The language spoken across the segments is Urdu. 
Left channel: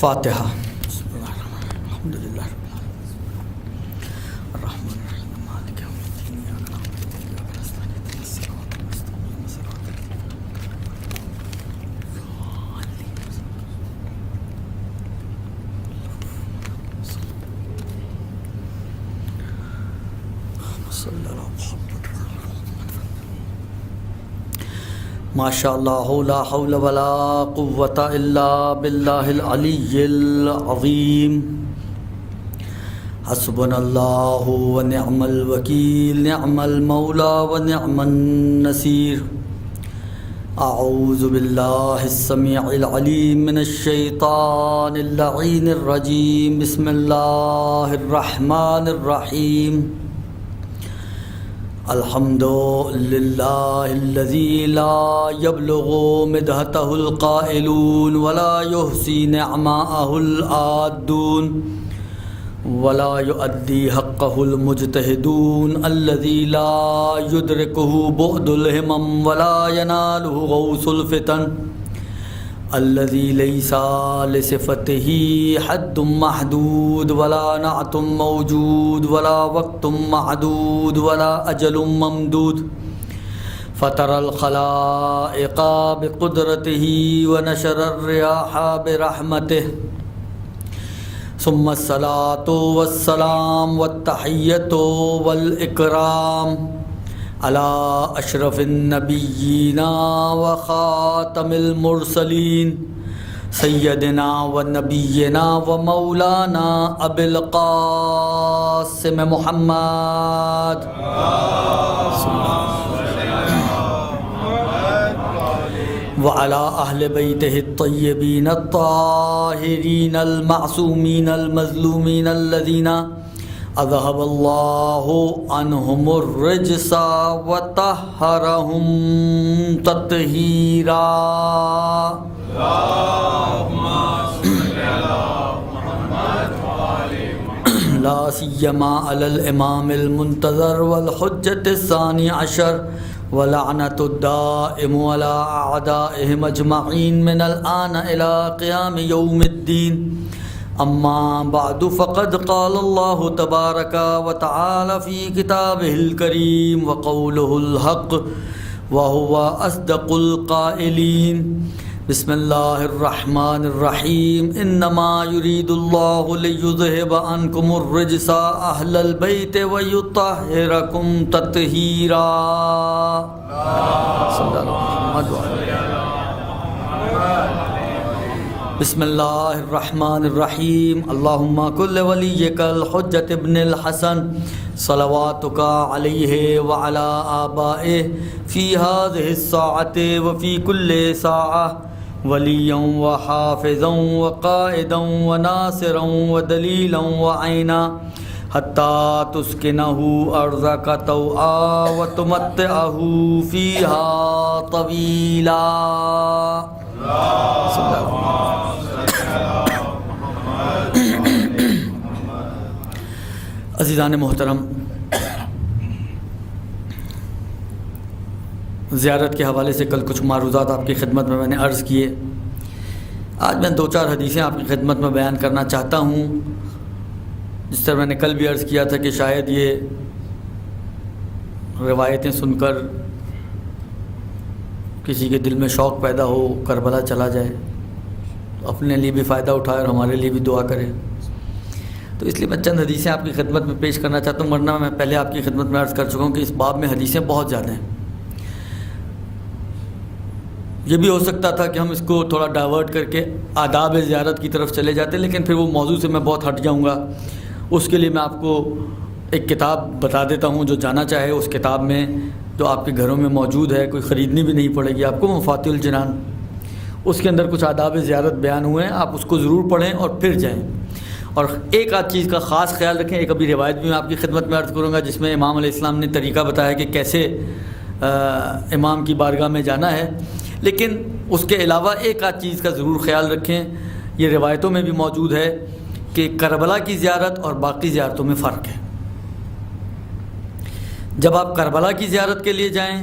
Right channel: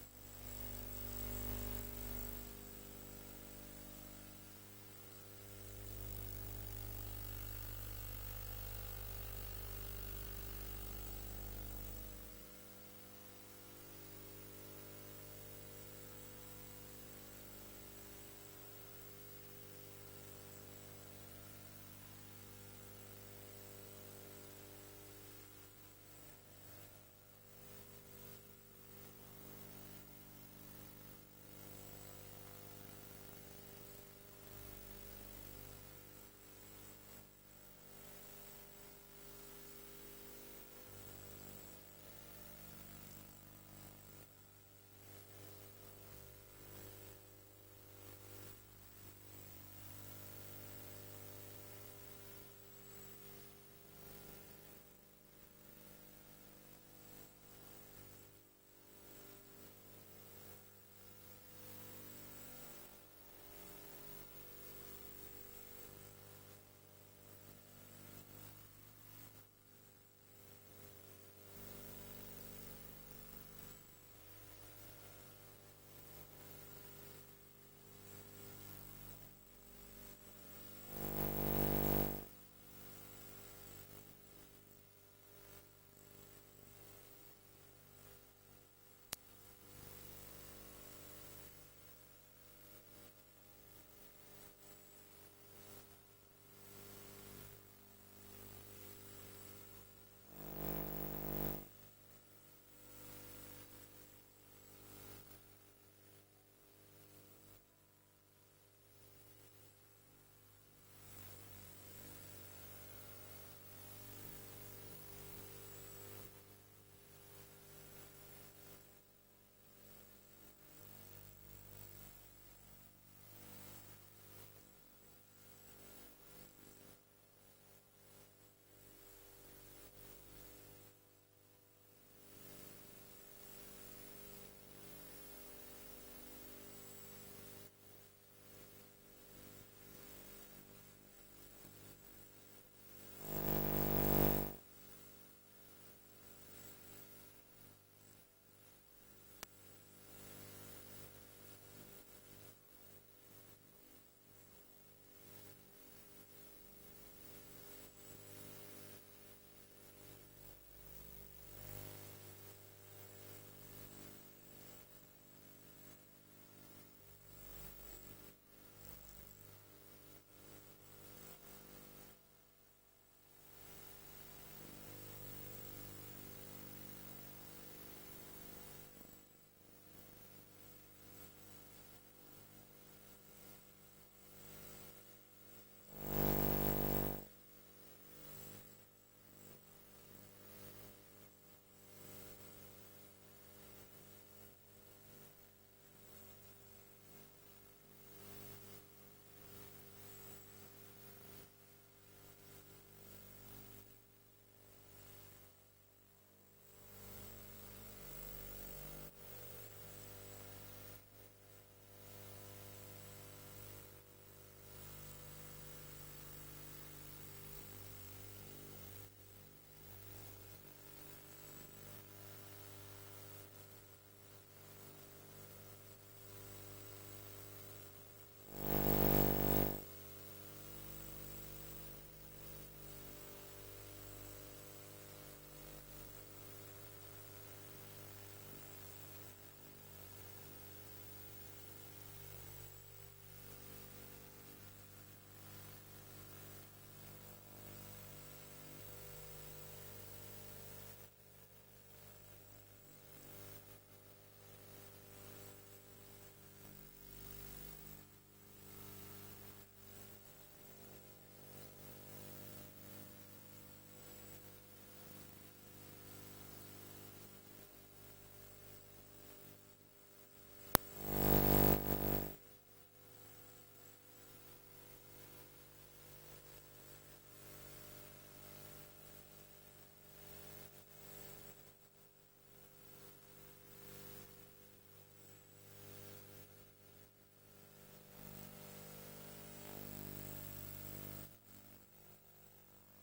فاتحہ۔ بسم اللہ الرحمن الرحیم، الحمد للہ رب العالمین الرحمن الرحیم مالک یوم الدین ایاک نعبد و ایاک نستعین اهدنا الصراط المستقیم صراط الذین ماشاء اللہ لا حول ولا قوۃ الا باللہ العلی العظیم حسبنا اللہ ونعم الوکیل نعم المولا ونعم النصیر اعوذ باللہ السمیع العلیم من الشیطان اللعین الرجیم بسم اللہ الرحمن الرحیم الحمد للہ الذی لا یبلغ مدحتہ القائلون ولا یحصی نعماءہ العادون ولا یؤدی حقہ المجتہدون الذی لا یدرکہ بعد الہمم ولا ینالہ غوث الفتن الذی لیس لصفتہ حد محدود ولا نعت موجود ولا وقت معدود ولا اجل ممدود فطر الخلائق بقدرتہ ونشر الریاح برحمتہ ثم الصلاة والسلام والتحیۃ والاکرام علی اشرف النبیین وخاتم المرسلین سیدنا و نبینا و مولانا ابی القاسم محمد وعلی اہل بیتہ الطیبین الطاہرین المعصومین المظلومین الذین اذهب اللہ عنہم الرجس وطہرہم تطہیرا لا سیما علی الامام المنتظر والحجۃ الثانی عشر ولعنۃ الدائم علی اعدائہم اجمعین من الآن الی قیام یوم الدین اما بعد فقد قال اللہ تبارک وتعالی فی کتابہ الکریم وقولہ الحق وہو اصدق القائلین بسم اللہ الرحمن الرحیم انما یرید اللہ لیذہب عنکم الرجس اہل البیت ویطہرکم تطہیرا صلی اللہ علیہ وسلم۔ بسم اللہ الرحمن الرحیم اللہم کل ولیک الحجۃ ابن الحسن صلواتک علیہ وعلی آبائہ فی هذه الساعة وفی کل ساعة ولیا وحافظا وقائدا وناصرا ودلیلا وعینا حتی تسکنہ ارضک طوعا وتمتعہ فیہا طویلا۔ عزیزان محترم، زیارت کے حوالے سے کل کچھ معروضات آپ کی خدمت میں نے عرض کیے۔ آج میں دو چار حدیثیں آپ کی خدمت میں بیان کرنا چاہتا ہوں، جس طرح میں نے کل بھی عرض کیا تھا کہ شاید یہ روایتیں سن کر کسی کے دل میں شوق پیدا ہو، کربلا چلا جائے، اپنے لیے بھی فائدہ اٹھائے اور ہمارے لیے بھی دعا کرے۔ تو اس لیے میں چند حدیثیں آپ کی خدمت میں پیش کرنا چاہتا ہوں، ورنہ میں پہلے آپ کی خدمت میں عرض کر چکا ہوں کہ اس باب میں حدیثیں بہت زیادہ ہیں۔ یہ بھی ہو سکتا تھا کہ ہم اس کو تھوڑا ڈائیورٹ کر کے آداب زیارت کی طرف چلے جاتے، لیکن پھر وہ موضوع سے میں بہت ہٹ جاؤں گا۔ اس کے لیے میں آپ کو ایک کتاب بتا دیتا ہوں، جو جانا چاہے اس کتاب میں، جو آپ کے گھروں میں موجود ہے، کوئی خریدنی بھی نہیں پڑے گی آپ کو، مفاتیح الجنان، اس کے اندر کچھ آداب زیارت بیان ہوئے ہیں، آپ اس کو ضرور پڑھیں اور پھر جائیں۔ اور ایک آدھ چیز کا خاص خیال رکھیں، ایک ابھی روایت بھی میں آپ کی خدمت میں عرض کروں گا جس میں امام علیہ السلام نے طریقہ بتایا کہ کیسے امام کی بارگاہ میں جانا ہے، لیکن اس کے علاوہ ایک آدھ چیز کا ضرور خیال رکھیں، یہ روایتوں میں بھی موجود ہے کہ کربلا کی زیارت اور باقی زیارتوں میں فرق ہے۔ جب آپ کربلا کی زیارت کے لیے جائیں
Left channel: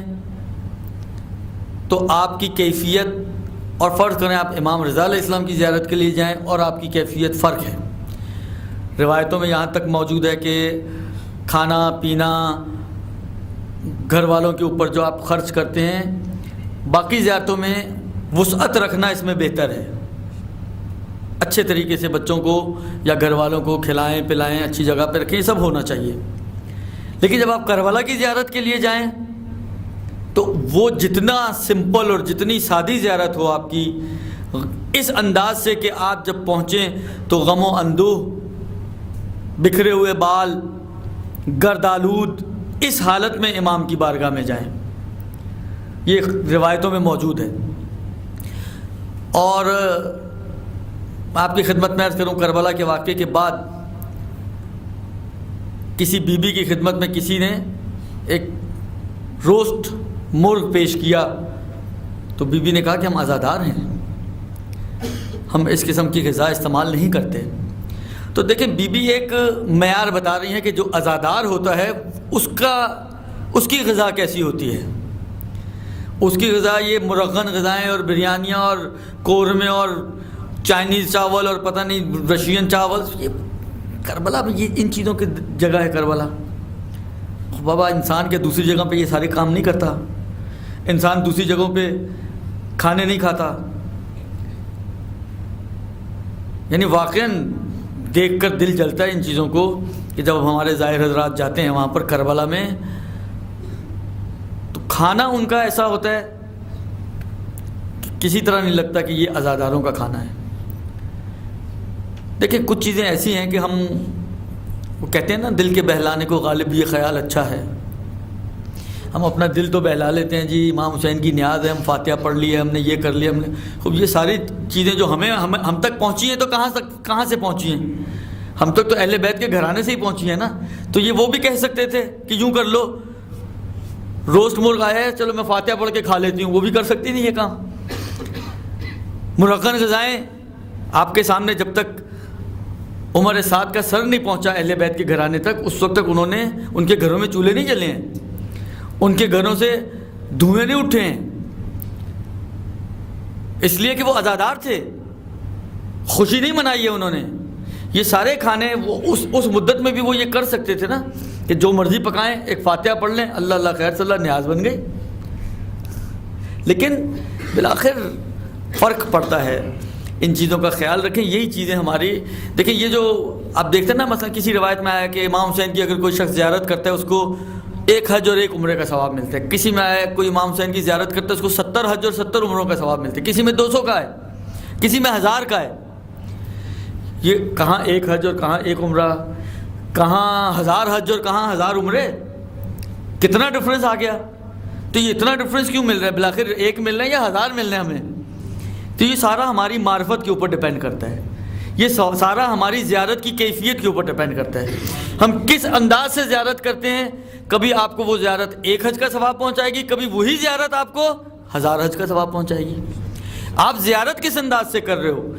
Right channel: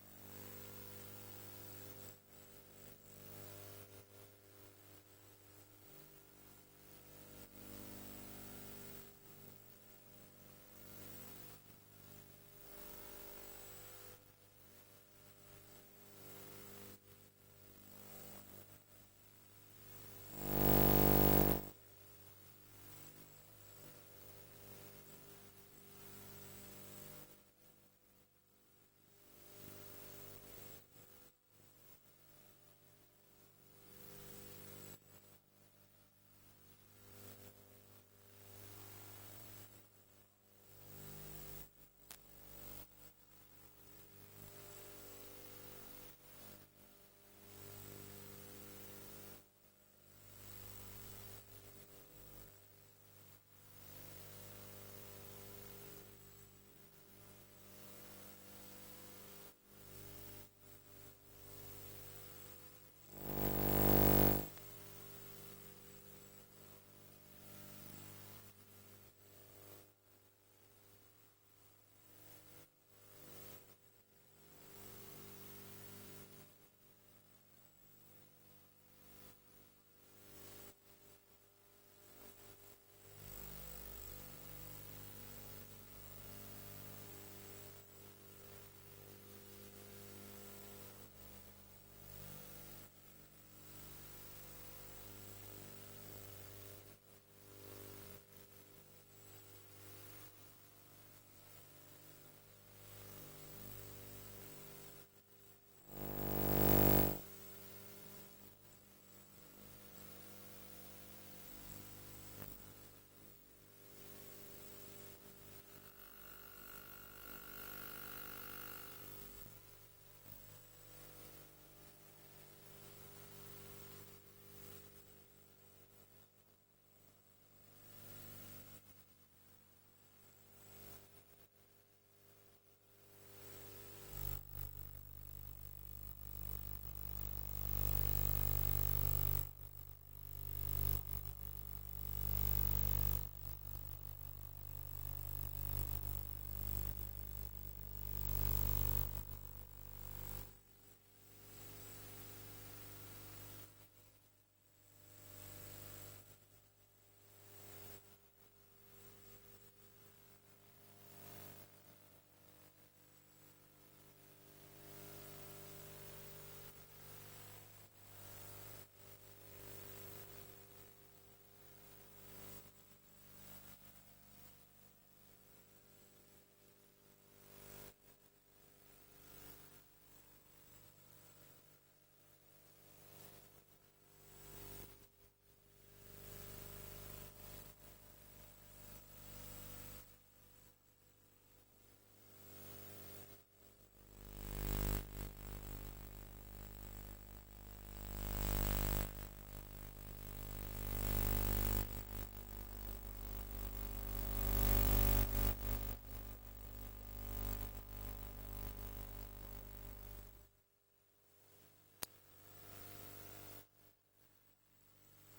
تو آپ کی کیفیت اور فرض کریں آپ امام رضا علیہ السلام کی زیارت کے لیے جائیں اور آپ کی کیفیت فرق ہے. روایتوں میں یہاں تک موجود ہے کہ کھانا پینا گھر والوں کے اوپر جو آپ خرچ کرتے ہیں، باقی زیارتوں میں وسعت رکھنا اس میں بہتر ہے. اچھے طریقے سے بچوں کو یا گھر والوں کو کھلائیں پلائیں، اچھی جگہ پہ رکھیں، یہ سب ہونا چاہیے. لیکن جب آپ کربلا کی زیارت کے لیے جائیں تو وہ جتنا سمپل اور جتنی سادی زیارت ہو آپ کی، اس انداز سے کہ آپ جب پہنچیں تو غم و اندوہ، بکھرے ہوئے بال، گرد آلود، اس حالت میں امام کی بارگاہ میں جائیں. یہ روایتوں میں موجود ہے. اور آپ کی خدمت میں عرض کروں، کربلا کے واقعے کے بعد کسی بی بی کی خدمت میں کسی نے ایک روسٹ مرغ پیش کیا تو بی بی نے کہا کہ ہم عزادار ہیں، ہم اس قسم کی غذا استعمال نہیں کرتے. تو دیکھیں بی بی ایک معیار بتا رہی ہیں کہ جو عزادار ہوتا ہے اس کی غذا کیسی ہوتی ہے. اس کی غذا یہ مرغن غذائیں اور بریانیاں اور قورمے اور چائنیز چاول اور پتہ نہیں رشین چاول، یہ کربلا میں یہ ان چیزوں کی جگہ ہے. کربلا بابا انسان کے دوسری جگہ پہ یہ سارے کام نہیں کرتا، انسان دوسری جگہوں پہ کھانے نہیں کھاتا. یعنی واقعاً دیکھ کر دل جلتا ہے ان چیزوں کو کہ جب ہمارے ظاہر حضرات جاتے ہیں وہاں پر کربلا میں تو کھانا ان کا ایسا ہوتا ہے کہ کسی طرح نہیں لگتا کہ یہ عزاداروں کا کھانا ہے. دیکھیں کچھ چیزیں ایسی ہیں کہ ہم وہ کہتے ہیں نا دل کے بہلانے کو غالب یہ خیال اچھا ہے. ہم اپنا دل تو بہلا لیتے ہیں، جی امام حسین کی نیاز ہے، ہم فاتحہ پڑھ لی ہے، ہم نے یہ کر لیا، ہم نے خوب. یہ ساری چیزیں جو ہم تک پہنچی ہیں تو کہاں سے پہنچی ہیں؟ ہم تک تو اہل بیت کے گھرانے سے ہی پہنچی ہیں نا. تو یہ وہ بھی کہہ سکتے تھے کہ یوں کر لو، روسٹ مرغ آیا ہے چلو میں فاتحہ پڑھ کے کھا لیتی ہوں، وہ بھی کر سکتی نہیں یہ کام. مرغن غذائیں آپ کے سامنے جب تک عمر سعد کا سر نہیں پہنچا اہل بیت کے گھرانے تک، اس وقت تک انہوں نے ان کے گھروں میں چولہے نہیں جلے ہیں، ان کے گھروں سے دھوئیں نہیں اٹھے ہیں، اس لیے کہ وہ عزادار تھے، خوشی نہیں منائی ہے انہوں نے. یہ سارے کھانے وہ اس مدت میں بھی وہ یہ کر سکتے تھے نا کہ جو مرضی پکائیں، ایک فاتحہ پڑھ لیں، اللہ اللہ خیر صلی اللہ، نیاز بن گئی. لیکن بالآخر فرق پڑتا ہے. ان چیزوں کا خیال رکھیں. یہی چیزیں ہماری دیکھیں، یہ جو آپ دیکھتے ہیں نا، مثلا کسی روایت میں آیا کہ امام حسین کی اگر کوئی شخص زیارت کرتا ہے اس کو 1 حج اور 1 عمرے کا ثواب ملتا ہے. کسی میں آیا کوئی امام حسین کی زیارت کرتا ہے اس کو 70 حج اور 70 عمروں کا ثواب ملتا ہے. کسی میں 200 کا ہے، کسی میں 1000 کا ہے. یہ کہاں 1 حج اور کہاں 1 عمرہ، کہاں 1000 حج اور کہاں 1000 عمرے، کتنا ڈفرینس آ گیا. تو یہ اتنا ڈفرینس کیوں مل رہا ہے؟ بالآخر 1 مل رہا ہے یا 1000 مل رہے ہیں ہمیں؟ تو یہ سارا ہماری معرفت کے اوپر ڈیپینڈ کرتا ہے. یہ سارا ہماری زیارت کی کیفیت کے اوپر ڈیپینڈ کرتا ہے. ہم کس انداز سے زیارت کرتے ہیں. کبھی آپ کو وہ زیارت 1 حج کا ثواب پہنچائے گی، کبھی وہی زیارت آپ کو 1000 حج کا ثواب پہنچائے گی. آپ زیارت کس انداز سے کر رہے ہو،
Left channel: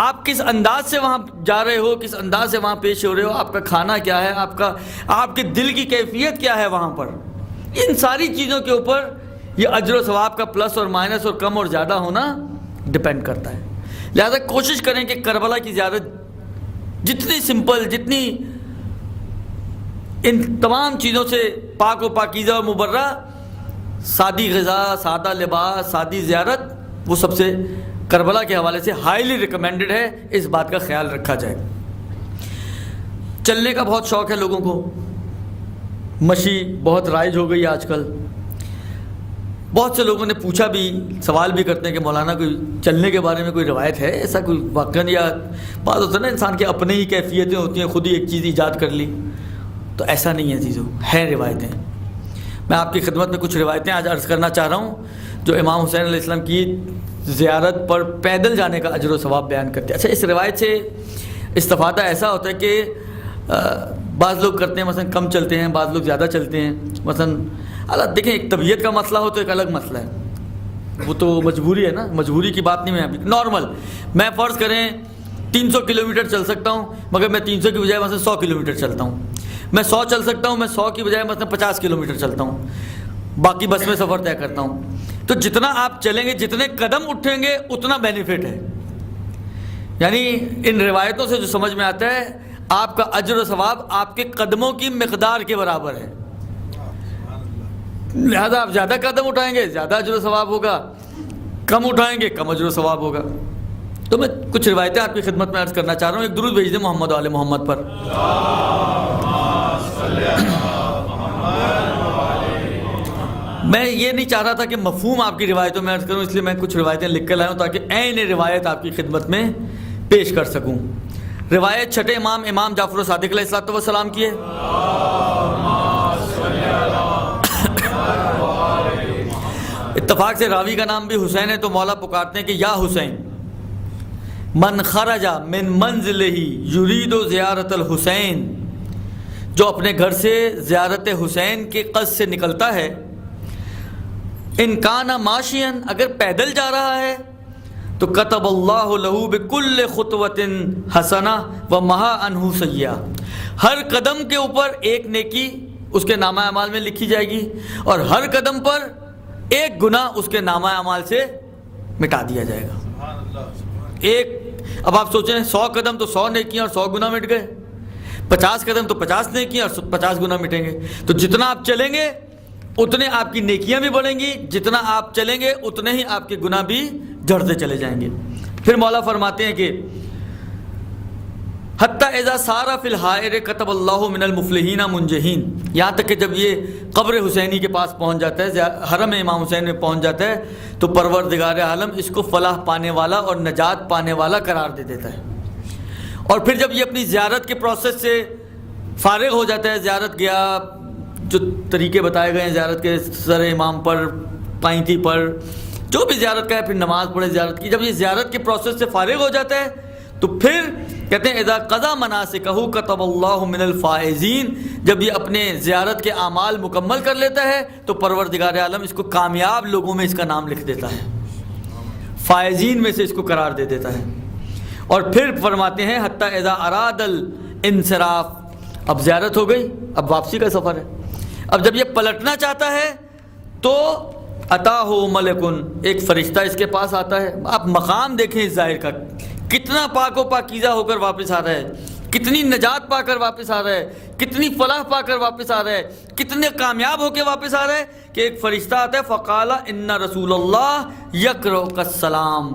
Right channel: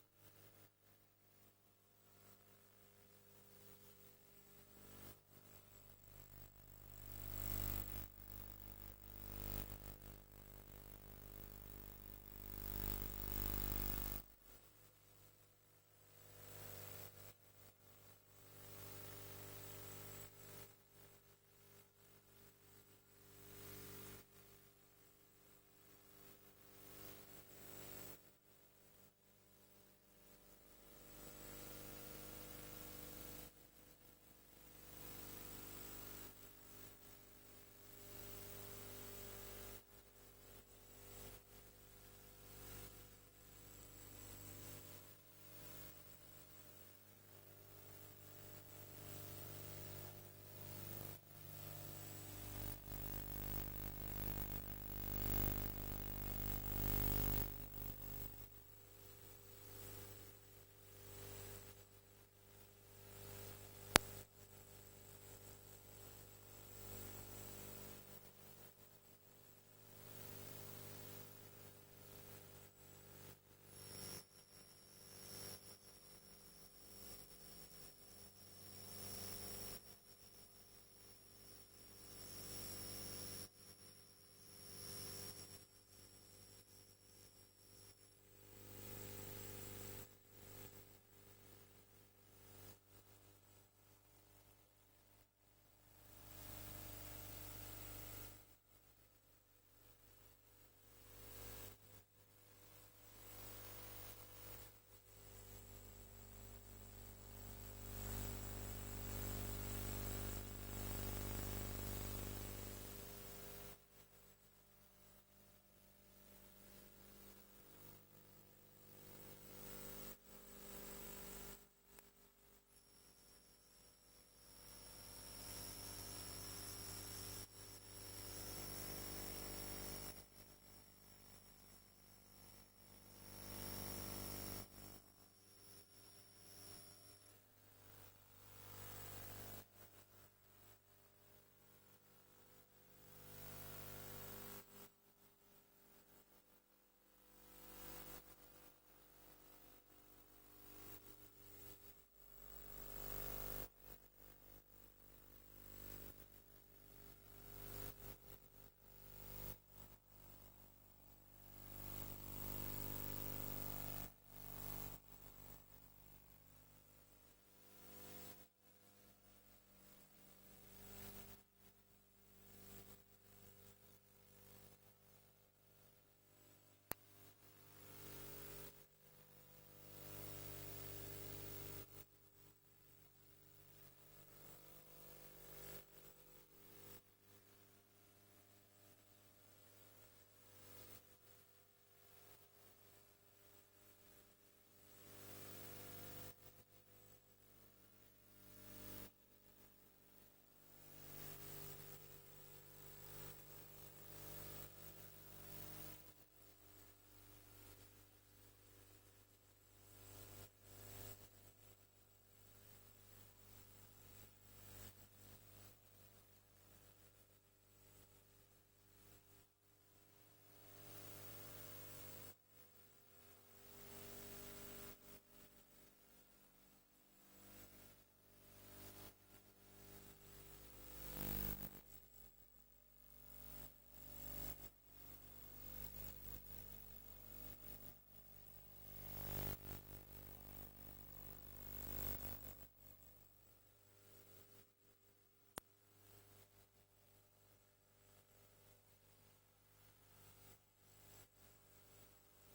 آپ کس انداز سے وہاں جا رہے ہو، کس انداز سے وہاں پیش ہو رہے ہو، آپ کا کھانا کیا ہے، آپ کے دل کی کیفیت کیا ہے وہاں پر. ان ساری چیزوں کے اوپر یہ اجر و ثواب کا پلس اور مائنس اور کم اور زیادہ ہونا ڈیپینڈ کرتا ہے. لہذا کوشش کریں کہ کربلا کی زیارت جتنی سمپل، جتنی ان تمام چیزوں سے پاک و پاکیزہ اور مبرہ، سادی غذا، سادہ لباس، سادی زیارت، وہ سب سے کربلا کے حوالے سے ہائیلی ریکمینڈڈ ہے. اس بات کا خیال رکھا جائے. چلنے کا بہت شوق ہے لوگوں کو، مشی بہت رائج ہو گئی آج کل. بہت سے لوگوں نے پوچھا بھی، سوال بھی کرتے ہیں کہ مولانا کوئی چلنے کے بارے میں کوئی روایت ہے ایسا کوئی واقعہ؟ یا بات ہوتا ہے نا انسان کے اپنے ہی کیفیتیں ہوتی ہیں، خود ہی ایک چیز ایجاد کر لی. تو ایسا نہیں ہے چیزوں، ہیں روایتیں. میں آپ کی خدمت میں کچھ روایتیں آج عرض کرنا چاہ رہا ہوں جو امام حسین علیہ السلام کی زیارت پر پیدل جانے کا اجر و ثواب بیان کرتے ہیں. اچھا، اس روایت سے استفادہ ایسا ہوتا ہے کہ بعض لوگ کرتے ہیں مثلا کم چلتے ہیں، بعض لوگ زیادہ چلتے ہیں. مثلا اللہ دیکھیں، ایک طبیعت کا مسئلہ ہو تو ایک الگ مسئلہ ہے، وہ تو مجبوری ہے نا، مجبوری کی بات نہیں. میں ابھی نارمل میں فرض کریں 300 کلومیٹر چل سکتا ہوں، مگر میں 300 کی بجائے مثلا 100 کلومیٹر چلتا ہوں. میں 100 چل سکتا ہوں، میں 100 کی بجائے مثلا 50 کلومیٹر چلتا ہوں، باقی بس میں سفر طے کرتا ہوں. تو جتنا آپ چلیں گے، جتنے قدم اٹھیں گے اتنا بینیفٹ ہے. یعنی ان روایتوں سے جو سمجھ میں آتا ہے آپ کا اجر و ثواب آپ کے قدموں کی مقدار کے برابر ہے. لہذا آپ زیادہ قدم اٹھائیں گے زیادہ اجر و ثواب ہوگا، کم اٹھائیں گے کم اجر و ثواب ہوگا. تو میں کچھ روایتیں آپ کی خدمت میں عرض کرنا چاہ رہا ہوں. ایک درود بھیج دیں محمد و آل محمد پر. میں یہ نہیں چاہ رہا تھا کہ مفہوم آپ کی روایتوں میں عرض کروں، اس لیے میں کچھ روایتیں لکھ کر لایا ہوں تاکہ عین روایت آپ کی خدمت میں پیش کر سکوں. روایت چھٹے امام جعفر صادق علیہ الصلوۃ والسلام کی ہے. اتفاق سے راوی کا نام بھی حسین ہے، تو مولا پکارتے ہیں کہ یا حسین، من خرج من منزلہ یرید زیارت الحسین، جو اپنے گھر سے زیارت حسین کے قصد سے نکلتا ہے، ان کان ماشین، اگر پیدل جا رہا ہے، تو کتب اللہ لہ بکل خطوۃ حسنہ ومحا عنہ سیئہ، ہر قدم کے اوپر ایک نیکی اس کے نامہ اعمال میں لکھی جائے گی اور ہر قدم پر ایک گناہ اس کے نامہ اعمال سے مٹا دیا جائے گا. ایک، اب آپ سوچیں 100 قدم تو 100 نیکیاں اور 100 گناہ مٹ گئے، 50 قدم تو 50 نیکیاں اور 50 گناہ مٹیں گے. تو جتنا آپ چلیں گے اتنے آپ کی نیکیاں بھی بڑھیں گی، جتنا آپ چلیں گے اتنے ہی آپ کے گناہ بھی جھڑتے چلے جائیں گے. پھر مولا فرماتے ہیں کہ حتی اذا سار فی الحائر کتب اللہ من المفلحین منجحین، یہاں تک کہ جب یہ قبر حسینی کے پاس پہنچ جاتا ہے، حرم امام حسین میں پہنچ جاتا ہے، تو پروردگار عالم اس کو فلاح پانے والا اور نجات پانے والا قرار دے دیتا ہے. اور پھر جب یہ اپنی زیارت کے پروسیس سے فارغ ہو جاتا ہے، زیارت گیا، جو طریقے بتائے گئے ہیں زیارت کے، سر امام پر، پائنتی پر، جو بھی زیارت کا ہے، پھر نماز پڑھے زیارت کی، جب یہ زیارت کے پروسیس سے فارغ ہو جاتا ہے تو پھر کہتے ہیں اذا قضا مناسکہ کتب اللہ من الفائزین، جب یہ اپنے زیارت کے اعمال مکمل کر لیتا ہے تو پروردگار عالم اس کو کامیاب لوگوں میں اس کا نام لکھ دیتا ہے، فائزین میں سے اس کو قرار دے دیتا ہے. اور پھر فرماتے ہیں حتی اذا اراد الانصراف، اب زیارت ہو گئی، اب واپسی کا سفر ہے، اب جب یہ پلٹنا چاہتا ہے تو اتاہ ملکن، ایک فرشتہ اس کے پاس آتا ہے. آپ مقام دیکھیں اس ظاہر کا، کتنا پاک و پاکیزہ ہو کر واپس آ رہا ہے، کتنی نجات پا کر واپس آ رہا ہے، کتنی فلاح پا کر واپس آ رہا ہے، کتنے کامیاب ہو کے واپس آ رہا ہے کہ ایک فرشتہ آتا ہے فقال ان رسول اللہ یقرؤک السلام،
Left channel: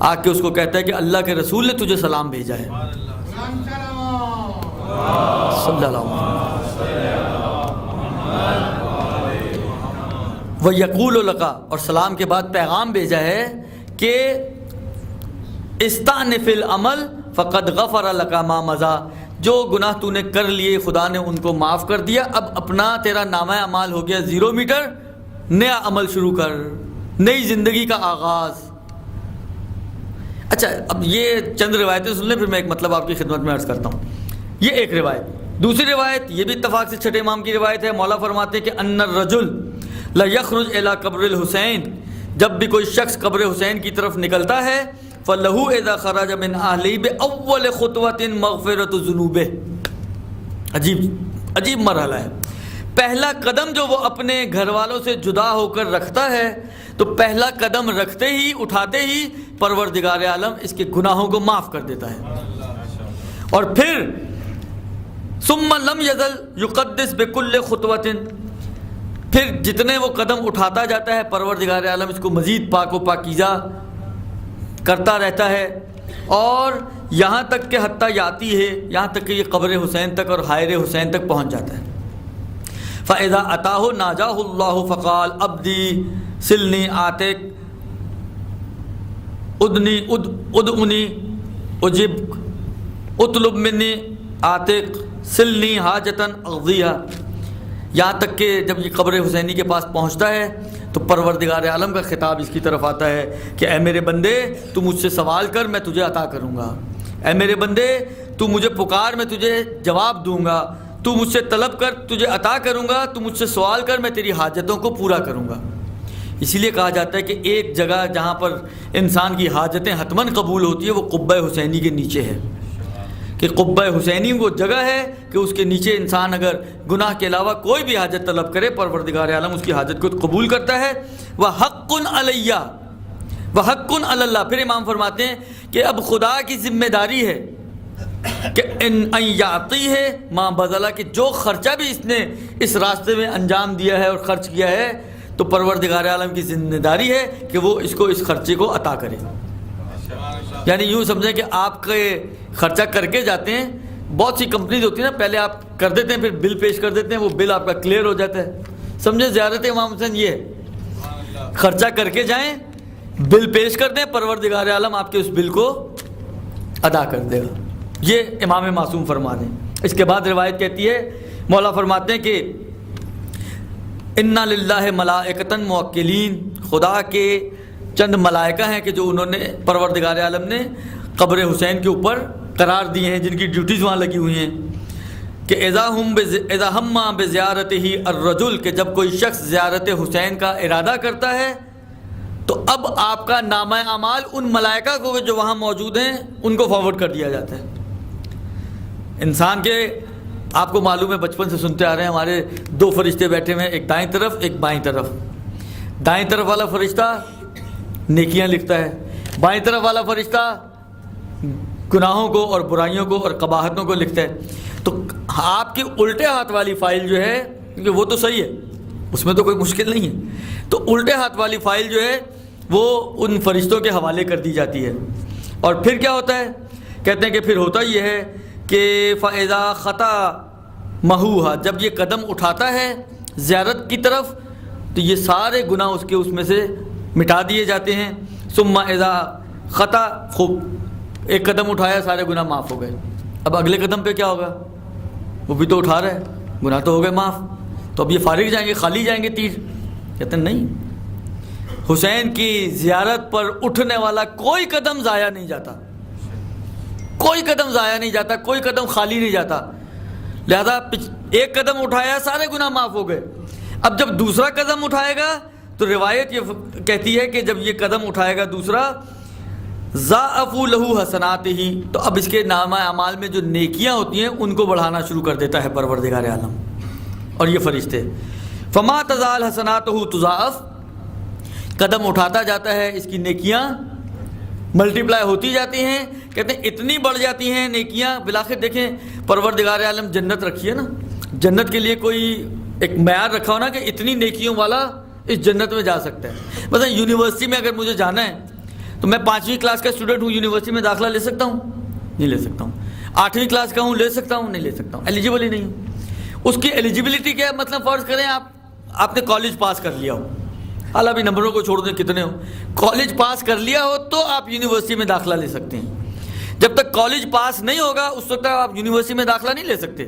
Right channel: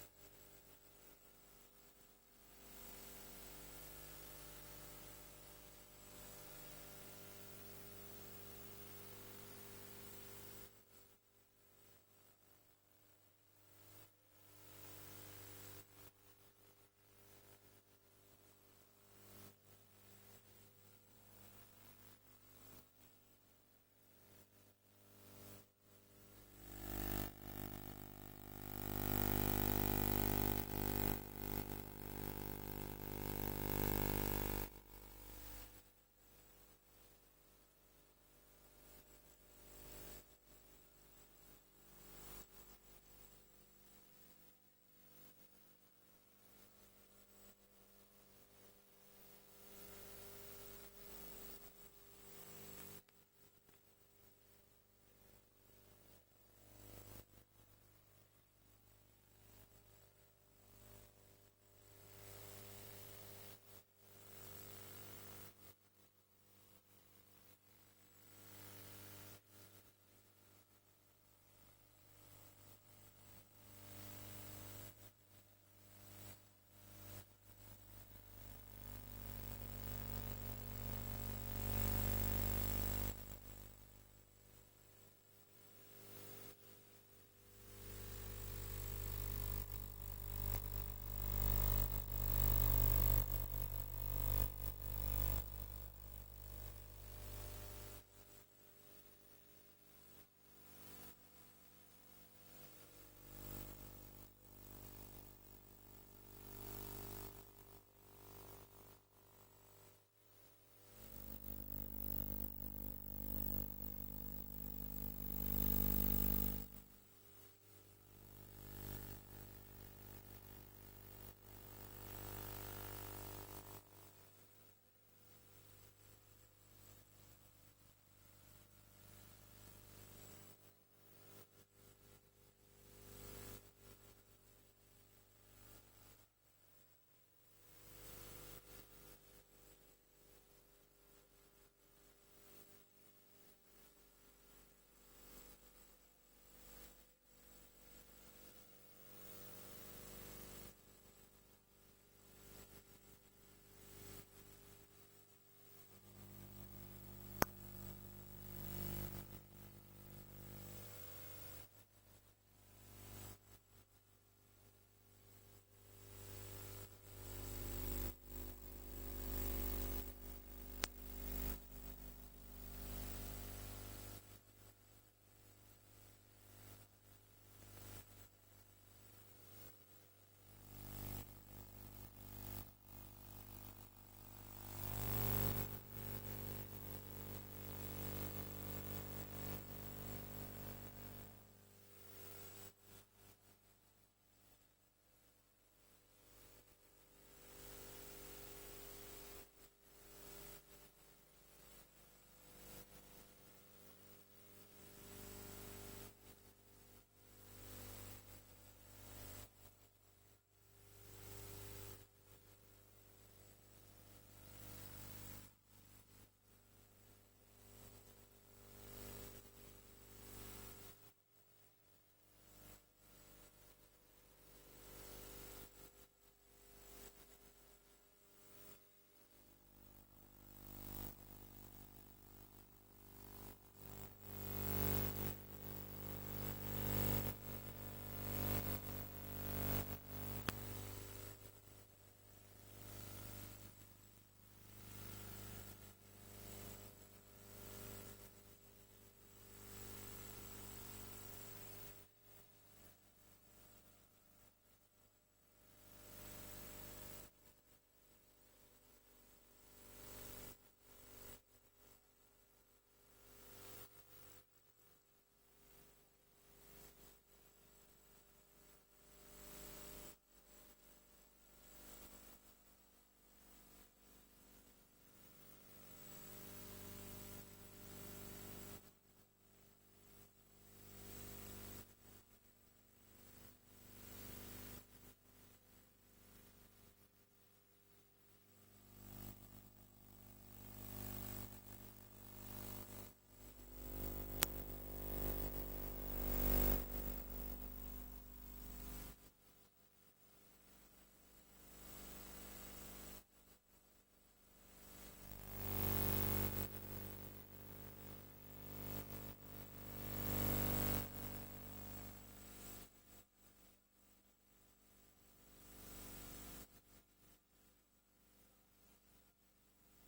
آ کے اس کو کہتا ہے کہ اللہ کے رسول نے تجھے سلام بھیجا ہے. صلی اللہ علیہ وسلم. وَيَقُولُ لَكَ، اور سلام کے بعد پیغام بھیجا ہے کہ استانف العمل فقد غفر لك ما مضى، جو گناہ تو نے کر لیے خدا نے ان کو معاف کر دیا، اب اپنا تیرا نامہ اعمال ہو گیا 0 میٹر، نیا عمل شروع کر، نئی زندگی کا آغاز. اچھا، اب یہ چند روایتیں سن لیں، پھر میں ایک مطلب آپ کی خدمت میں عرض کرتا ہوں. یہ ایک روایت. دوسری روایت یہ بھی اتفاق سے چھٹے امام کی روایت ہے. مولا فرماتے ہیں کہ ان الرجل لا یخرج الی قبر الحسین، جب بھی کوئی شخص قبر حسین کی طرف نکلتا ہے فَلَهُ اِذَا خَرَجَ مِنْ أَهْلِهِ بِأَوَّلِ خُطْوَةٍ مَغْفِرَةُ ذُنُوبِهِ. عجیب مرحلہ ہے. پہلا قدم جو وہ اپنے گھر والوں سے جدا ہو کر رکھتا ہے تو پہلا قدم رکھتے ہی، اٹھاتے ہی پروردگار عالم اس کے گناہوں کو معاف کر دیتا ہے. اور پھر ثُمَّ لَمْ يَزَلْ يُقَدِّسْ بِكُلِّ خُطْوَةٍ، پھر جتنے وہ قدم اٹھاتا جاتا ہے پروردگار عالم اس کو مزید پاک و پاکیزہ کرتا رہتا ہے، اور یہاں تک کہ حتیٰ یاتی ہے، یہاں تک کہ یہ قبر حسین تک اور حائر حسین تک پہنچ جاتا ہے. فَإِذَا أَتَاهُ نَاجَاهُ اللَّهُ فَقَالَ عَبْدِي سِلْنِي آتِكْ ادْعُنِي أُجِبْكَ اطلب منی آتِكْ سِلْنِي حَاجَةً أَقْضِيهَا. یہاں تک کہ جب یہ قبر حسینی کے پاس پہنچتا ہے تو پروردگار عالم کا خطاب اس کی طرف آتا ہے کہ اے میرے بندے، تو مجھ سے سوال کر، میں تجھے عطا کروں گا. اے میرے بندے، تو مجھے پکار، میں تجھے جواب دوں گا. تو مجھ سے طلب کر، تجھے عطا کروں گا. تو مجھ سے سوال کر، میں تیری حاجتوں کو پورا کروں گا. اسی لیے کہا جاتا ہے کہ ایک جگہ جہاں پر انسان کی حاجتیں حتماً قبول ہوتی ہے وہ قبہ حسینی کے نیچے ہے. کہ قبہ حسینی وہ جگہ ہے کہ اس کے نیچے انسان اگر گناہ کے علاوہ کوئی بھی حاجت طلب کرے پروردگار عالم اس کی حاجت کو قبول کرتا ہے۔ وَحَقٌّ عَلَيَّ وَحَقٌّ عَلَى اللَّهِ۔ پھر امام فرماتے ہیں کہ اب خدا کی ذمہ داری ہے کہ ان یعطی ہے ماں بذلا، کہ جو خرچہ بھی اس نے اس راستے میں انجام دیا ہے اور خرچ کیا ہے تو پروردگار عالم کی ذمہ داری ہے کہ وہ اس کو اس خرچے کو عطا کرے۔ یعنی یوں سمجھیں کہ آپ کے خرچہ کر کے جاتے ہیں، بہت سی کمپنیز ہوتی ہیں نا، پہلے آپ کر دیتے ہیں پھر بل پیش کر دیتے ہیں، وہ بل آپ کا کلیئر ہو جاتا ہے۔ سمجھیں زیارت امام حسین یہ ہے، خرچہ کر کے جائیں، بل پیش کر دیں، پروردگار عالم آپ کے اس بل کو ادا کر دے گا۔ یہ امام معصوم فرما دیں۔ اس کے بعد روایت کہتی ہے، مولا فرماتے ہیں کہ اِنَّ لِلَّهِ مَلَائِکَةً مُوَکِّلِینَ، خدا کے چند ملائکہ ہیں کہ جو انہوں نے پروردگار عالم نے قبر حسین کے اوپر قرار دیے ہیں، جن کی ڈیوٹیز وہاں لگی ہوئی ہیں کہ اذا ہم بزیارتہ الرجل، کہ جب کوئی شخص زیارت حسین کا ارادہ کرتا ہے تو اب آپ کا نامہ اعمال ان ملائکہ کو جو وہاں موجود ہیں ان کو فارورڈ کر دیا جاتا ہے۔ انسان کے آپ کو معلوم ہے، بچپن سے سنتے آ رہے ہیں، ہمارے دو فرشتے بیٹھے ہوئے ہیں، ایک دائیں طرف ایک بائیں طرف۔ دائیں طرف والا فرشتہ نیکیاں لکھتا ہے، بائیں طرف والا فرشتہ گناہوں کو اور برائیوں کو اور قباحتوں کو لکھتا ہے۔ تو آپ کی الٹے ہاتھ والی فائل جو ہے، کیونکہ وہ تو صحیح ہے، اس میں تو کوئی مشکل نہیں ہے، تو الٹے ہاتھ والی فائل جو ہے وہ ان فرشتوں کے حوالے کر دی جاتی ہے۔ اور پھر کیا ہوتا ہے؟ کہتے ہیں کہ پھر ہوتا یہ ہے کہ فَإِذَا خَطَا مَحُوهَا، جب یہ قدم اٹھاتا ہے زیارت کی طرف تو یہ سارے گناہ اس کے اس میں سے مٹا دیے جاتے ہیں۔ ثُمَّ إِذَا خَطَا، خوب ایک قدم اٹھایا سارے گناہ معاف ہو گئے، اب اگلے قدم پہ کیا ہوگا؟ وہ بھی تو اٹھا رہا ہے، گناہ تو ہو گئے معاف، تو اب یہ فارغ جائیں گے، خالی جائیں گے تیر؟ کہتے ہیں نہیں، حسین کی زیارت پر اٹھنے والا کوئی قدم ضائع نہیں جاتا، کوئی قدم ضائع نہیں جاتا، کوئی قدم خالی نہیں جاتا۔ لہذا ایک قدم اٹھایا سارے گناہ معاف ہو گئے، اب جب دوسرا قدم اٹھائے گا تو روایت یہ کہتی ہے کہ جب یہ قدم اٹھائے گا دوسرا، ضاعفوا لہ حسناتہ، تو اب اس کے نامہ اعمال میں جو نیکیاں ہوتی ہیں ان کو بڑھانا شروع کر دیتا ہے پروردگار عالم اور یہ فرشتے۔ فما تزال حسناتہ تضاعف، قدم اٹھاتا جاتا ہے، اس کی نیکیاں ملٹیپلائی ہوتی جاتی ہیں۔ کہتے ہیں اتنی بڑھ جاتی ہیں نیکیاں، بالآخر دیکھیں پروردگار عالم جنت رکھی ہے نا، جنت کے لیے کوئی ایک معیار رکھا ہو نا کہ اتنی نیکیوں والا اس جنت میں جا سکتا ہے۔ مثلا یونیورسٹی میں اگر مجھے جانا ہے تو میں 5ویں کلاس کا اسٹوڈنٹ ہوں، یونیورسٹی میں داخلہ لے سکتا ہوں؟ نہیں لے سکتا ہوں۔ 8ویں کلاس کا ہوں، لے سکتا ہوں؟ نہیں لے سکتا ہوں، ایلیجیبل ہی نہیں ہوں۔ اس کی ایلیجیبلٹی کیا ہے؟ مطلب فرض کریں آپ نے کالج پاس کر لیا ہو، حالانکہ ابھی نمبروں کو چھوڑ دیں کتنے ہو، کالج پاس کر لیا ہو تو آپ یونیورسٹی میں داخلہ لے سکتے ہیں۔ جب تک کالج پاس نہیں ہوگا اس وقت آپ یونیورسٹی میں داخلہ نہیں لے سکتے۔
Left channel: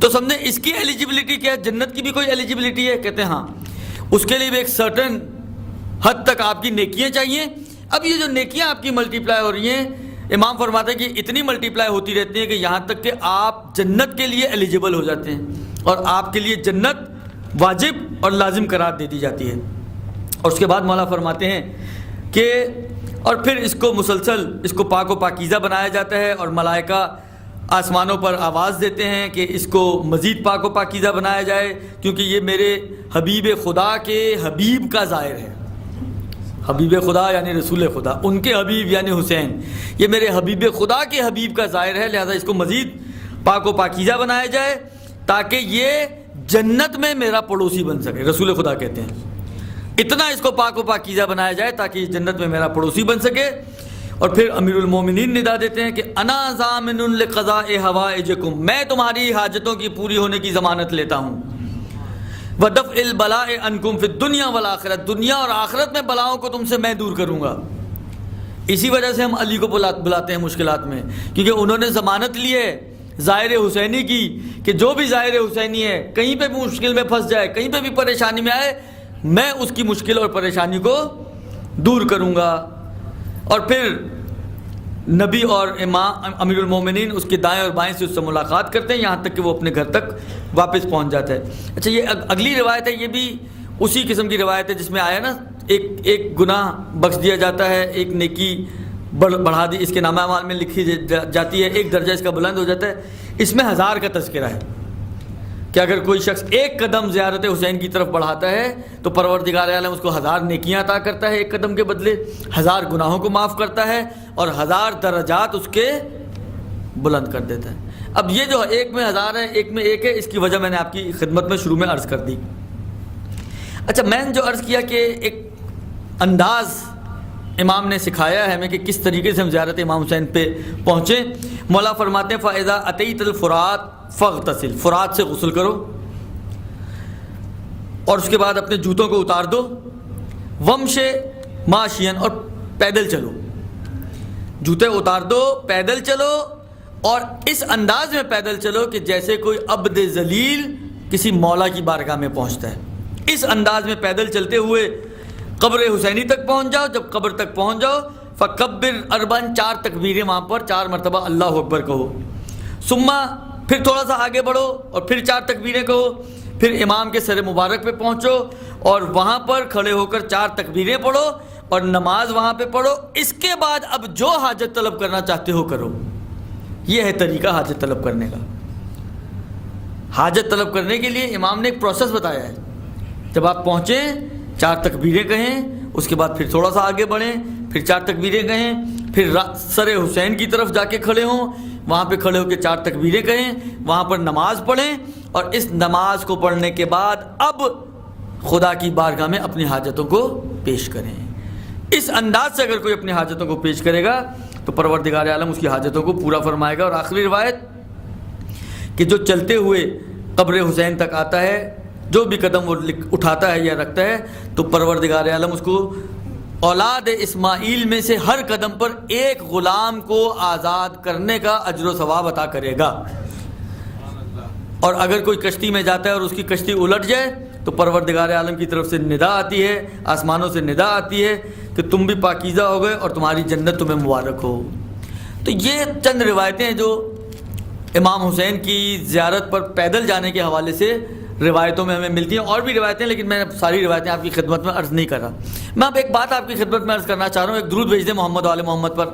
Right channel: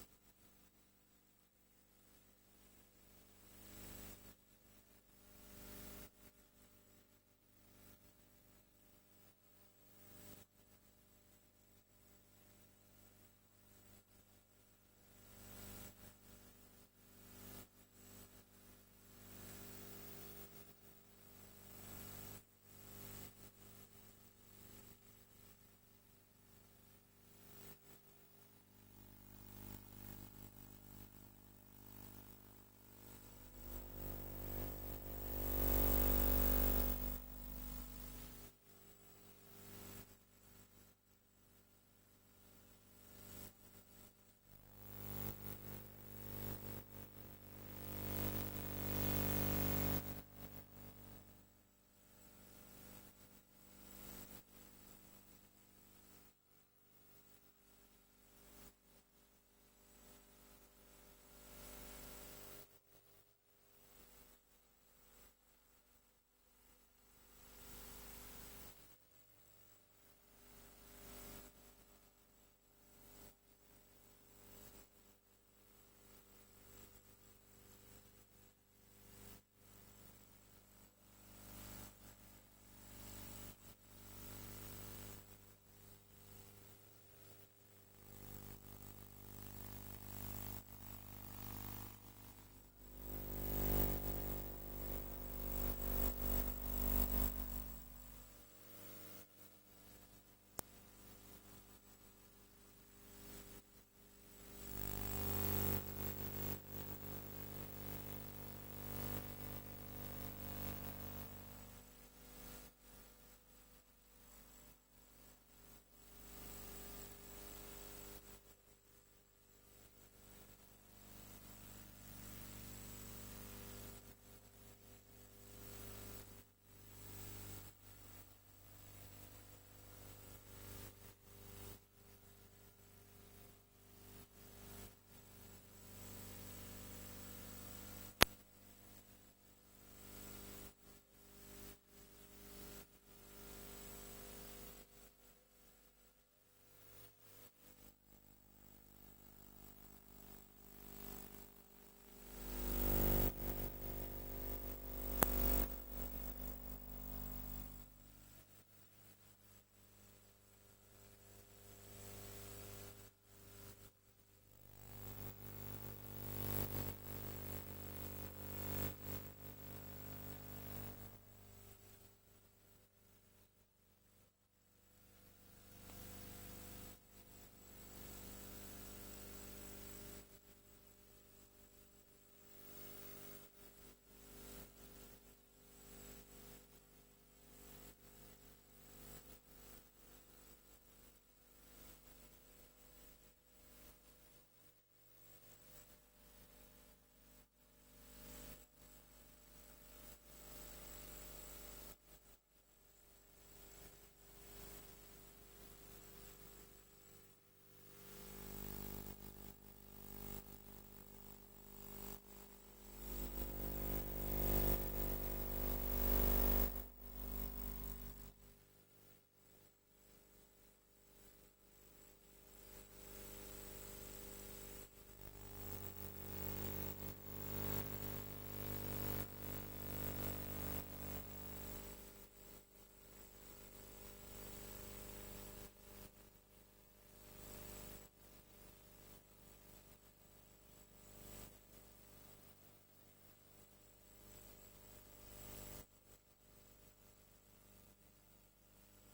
تو سمجھیں اس کی ایلیجیبلٹی کیا ہے؟ جنت کی بھی کوئی ایلیجیبلٹی ہے؟ کہتے ہیں ہاں، اس کے لیے بھی ایک سرٹن حد تک آپ کی نیکیاں چاہیے۔ اب یہ جو نیکیاں آپ کی ملٹیپلائی ہو رہی ہیں، امام فرماتے ہیں کہ اتنی ملٹیپلائی ہوتی رہتی ہیں کہ یہاں تک کہ آپ جنت کے لیے ایلیجیبل ہو جاتے ہیں اور آپ کے لیے جنت واجب اور لازم قرار دے دی جاتی ہے۔ اور اس کے بعد مولا فرماتے ہیں کہ اور پھر اس کو مسلسل اس کو پاک و پاکیزہ بنایا جاتا ہے، اور ملائکہ آسمانوں پر آواز دیتے ہیں کہ اس کو مزید پاک و پاکیزہ بنایا جائے، کیونکہ یہ میرے حبیب خدا کے حبیب کا ظاہر ہے۔ حبیب خدا یعنی رسول خدا، ان کے حبیب یعنی حسین، یہ میرے حبیب خدا کے حبیب کا ظاہر ہے، لہذا اس کو مزید پاک و پاکیزہ بنایا جائے تاکہ یہ جنت میں میرا پڑوسی بن سکے۔ رسول خدا کہتے ہیں اتنا اس کو پاک و پاکیزہ بنایا جائے تاکہ یہ جنت میں میرا پڑوسی بن سکے۔ اور پھر امیر المومنین ندا دیتے ہیں کہ انا ضامن لقضاء حوائجکم، میں تمہاری حاجتوں کی پوری ہونے کی ضمانت لیتا ہوں۔ وَدَفْعِ الْبَلَاءِ عَنْكُمْ فِي الدُّنْيَا وَالْآخِرَةِ، دنیا اور آخرت میں بلاؤں کو تم سے میں دور کروں گا۔ اسی وجہ سے ہم علی کو بلاتے ہیں مشکلات میں، کیونکہ انہوں نے ضمانت لی ہے ظاہر حسینی کی کہ جو بھی ظاہر حسینی ہے کہیں پہ بھی مشکل میں پھنس جائے، کہیں پہ بھی پریشانی میں آئے، میں اس کی مشکل اور پریشانی کو دور کروں گا۔ اور پھر نبی اور امام امیر المومنین اس کے دائیں اور بائیں سے اس سے ملاقات کرتے ہیں یہاں تک کہ وہ اپنے گھر تک واپس پہنچ جاتا ہے۔ اچھا، یہ اگلی روایت ہے، یہ بھی اسی قسم کی روایت ہے جس میں آیا نا ایک گناہ بخش دیا جاتا ہے، ایک نیکی بڑھا دی، اس کے نامہ اعمال میں لکھی جاتی ہے، ایک درجہ اس کا بلند ہو جاتا ہے۔ اس میں 1000 کا تذکرہ ہے کہ اگر کوئی شخص ایک قدم زیارت حسین کی طرف بڑھاتا ہے تو پروردگار عالم اس کو 1000 نیکیاں عطا کرتا ہے ایک قدم کے بدلے، 1000 گناہوں کو معاف کرتا ہے اور 1000 درجات اس کے بلند کر دیتا ہے۔ اب یہ جو ایک میں 1000 ہے، ایک میں ایک ہے، اس کی وجہ میں نے آپ کی خدمت میں شروع میں عرض کر دی۔ اچھا، میں نے جو عرض کیا کہ ایک انداز امام نے سکھایا ہے ہمیں کہ کس طریقے سے ہم زیارت امام حسین پہ پہنچیں۔ مولا فرماتے ہیں فَإِذَا أَتَيْتَ الْفُرَاتَ فَاغْتَسِلْ، فرات سے غسل کرو اور اس کے بعد اپنے جوتوں کو اتار دو، وَمْشِ مَاشِيًا، اور پیدل چلو، جوتے اتار دو، پیدل چلو، اور اس انداز میں پیدل چلو کہ جیسے کوئی عبد ذلیل کسی مولا کی بارگاہ میں پہنچتا ہے۔ اس انداز میں پیدل چلتے ہوئے قبر حسینی تک پہنچ جاؤ۔ جب قبر تک پہنچ جاؤ فکبر اربعًا، 4 تکبیریں وہاں پر 4 مرتبہ اللہ اکبر کہو، ثم پھر تھوڑا سا آگے بڑھو اور پھر 4 تکبیریں کہو، پھر امام کے سر مبارک پہ پہنچو اور وہاں پر کھڑے ہو کر 4 تکبیریں پڑھو اور نماز وہاں پہ پڑھو۔ اس کے بعد اب جو حاجت طلب کرنا چاہتے ہو کرو۔ یہ ہے طریقہ حاجت طلب کرنے کا۔ حاجت طلب کرنے کے لیے امام نے ایک پروسیس بتایا ہے۔ جب آپ پہنچیں 4 تکبیریں کہیں، اس کے بعد پھر تھوڑا سا آگے بڑھیں، پھر 4 تکبیریں کہیں، پھر سر حسین کی طرف جا کے کھڑے ہوں، وہاں پہ کھڑے ہو کے 4 تکبیریں کہیں، وہاں پر نماز پڑھیں اور اس نماز کو پڑھنے کے بعد اب خدا کی بارگاہ میں اپنی حاجتوں کو پیش کریں۔ اس انداز سے اگر کوئی اپنی حاجتوں کو پیش کرے گا تو پروردگار عالم اس کی حاجتوں کو پورا فرمائے گا۔ اور آخری روایت کہ جو چلتے ہوئے قبر حسین تک آتا ہے، جو بھی قدم وہ اٹھاتا ہے یا رکھتا ہے، تو پروردگار عالم اس کو اولاد اسماعیل میں سے ہر قدم پر ایک غلام کو آزاد کرنے کا اجر و ثواب عطا کرے گا۔ اور اگر کوئی کشتی میں جاتا ہے اور اس کی کشتی الٹ جائے تو پروردگار عالم کی طرف سے ندا آتی ہے، آسمانوں سے ندا آتی ہے کہ تم بھی پاکیزہ ہو گئے اور تمہاری جنت تمہیں مبارک ہو۔ تو یہ چند روایتیں ہیں جو امام حسین کی زیارت پر پیدل جانے کے حوالے سے روایتوں میں ہمیں ملتی ہیں۔ اور بھی روایتیں، لیکن میں ساری روایتیں آپ کی خدمت میں عرض نہیں کر رہا۔ میں اب ایک بات آپ کی خدمت میں عرض کرنا چاہ رہا ہوں، ایک درود بھیج دیں محمد و آل محمد پر۔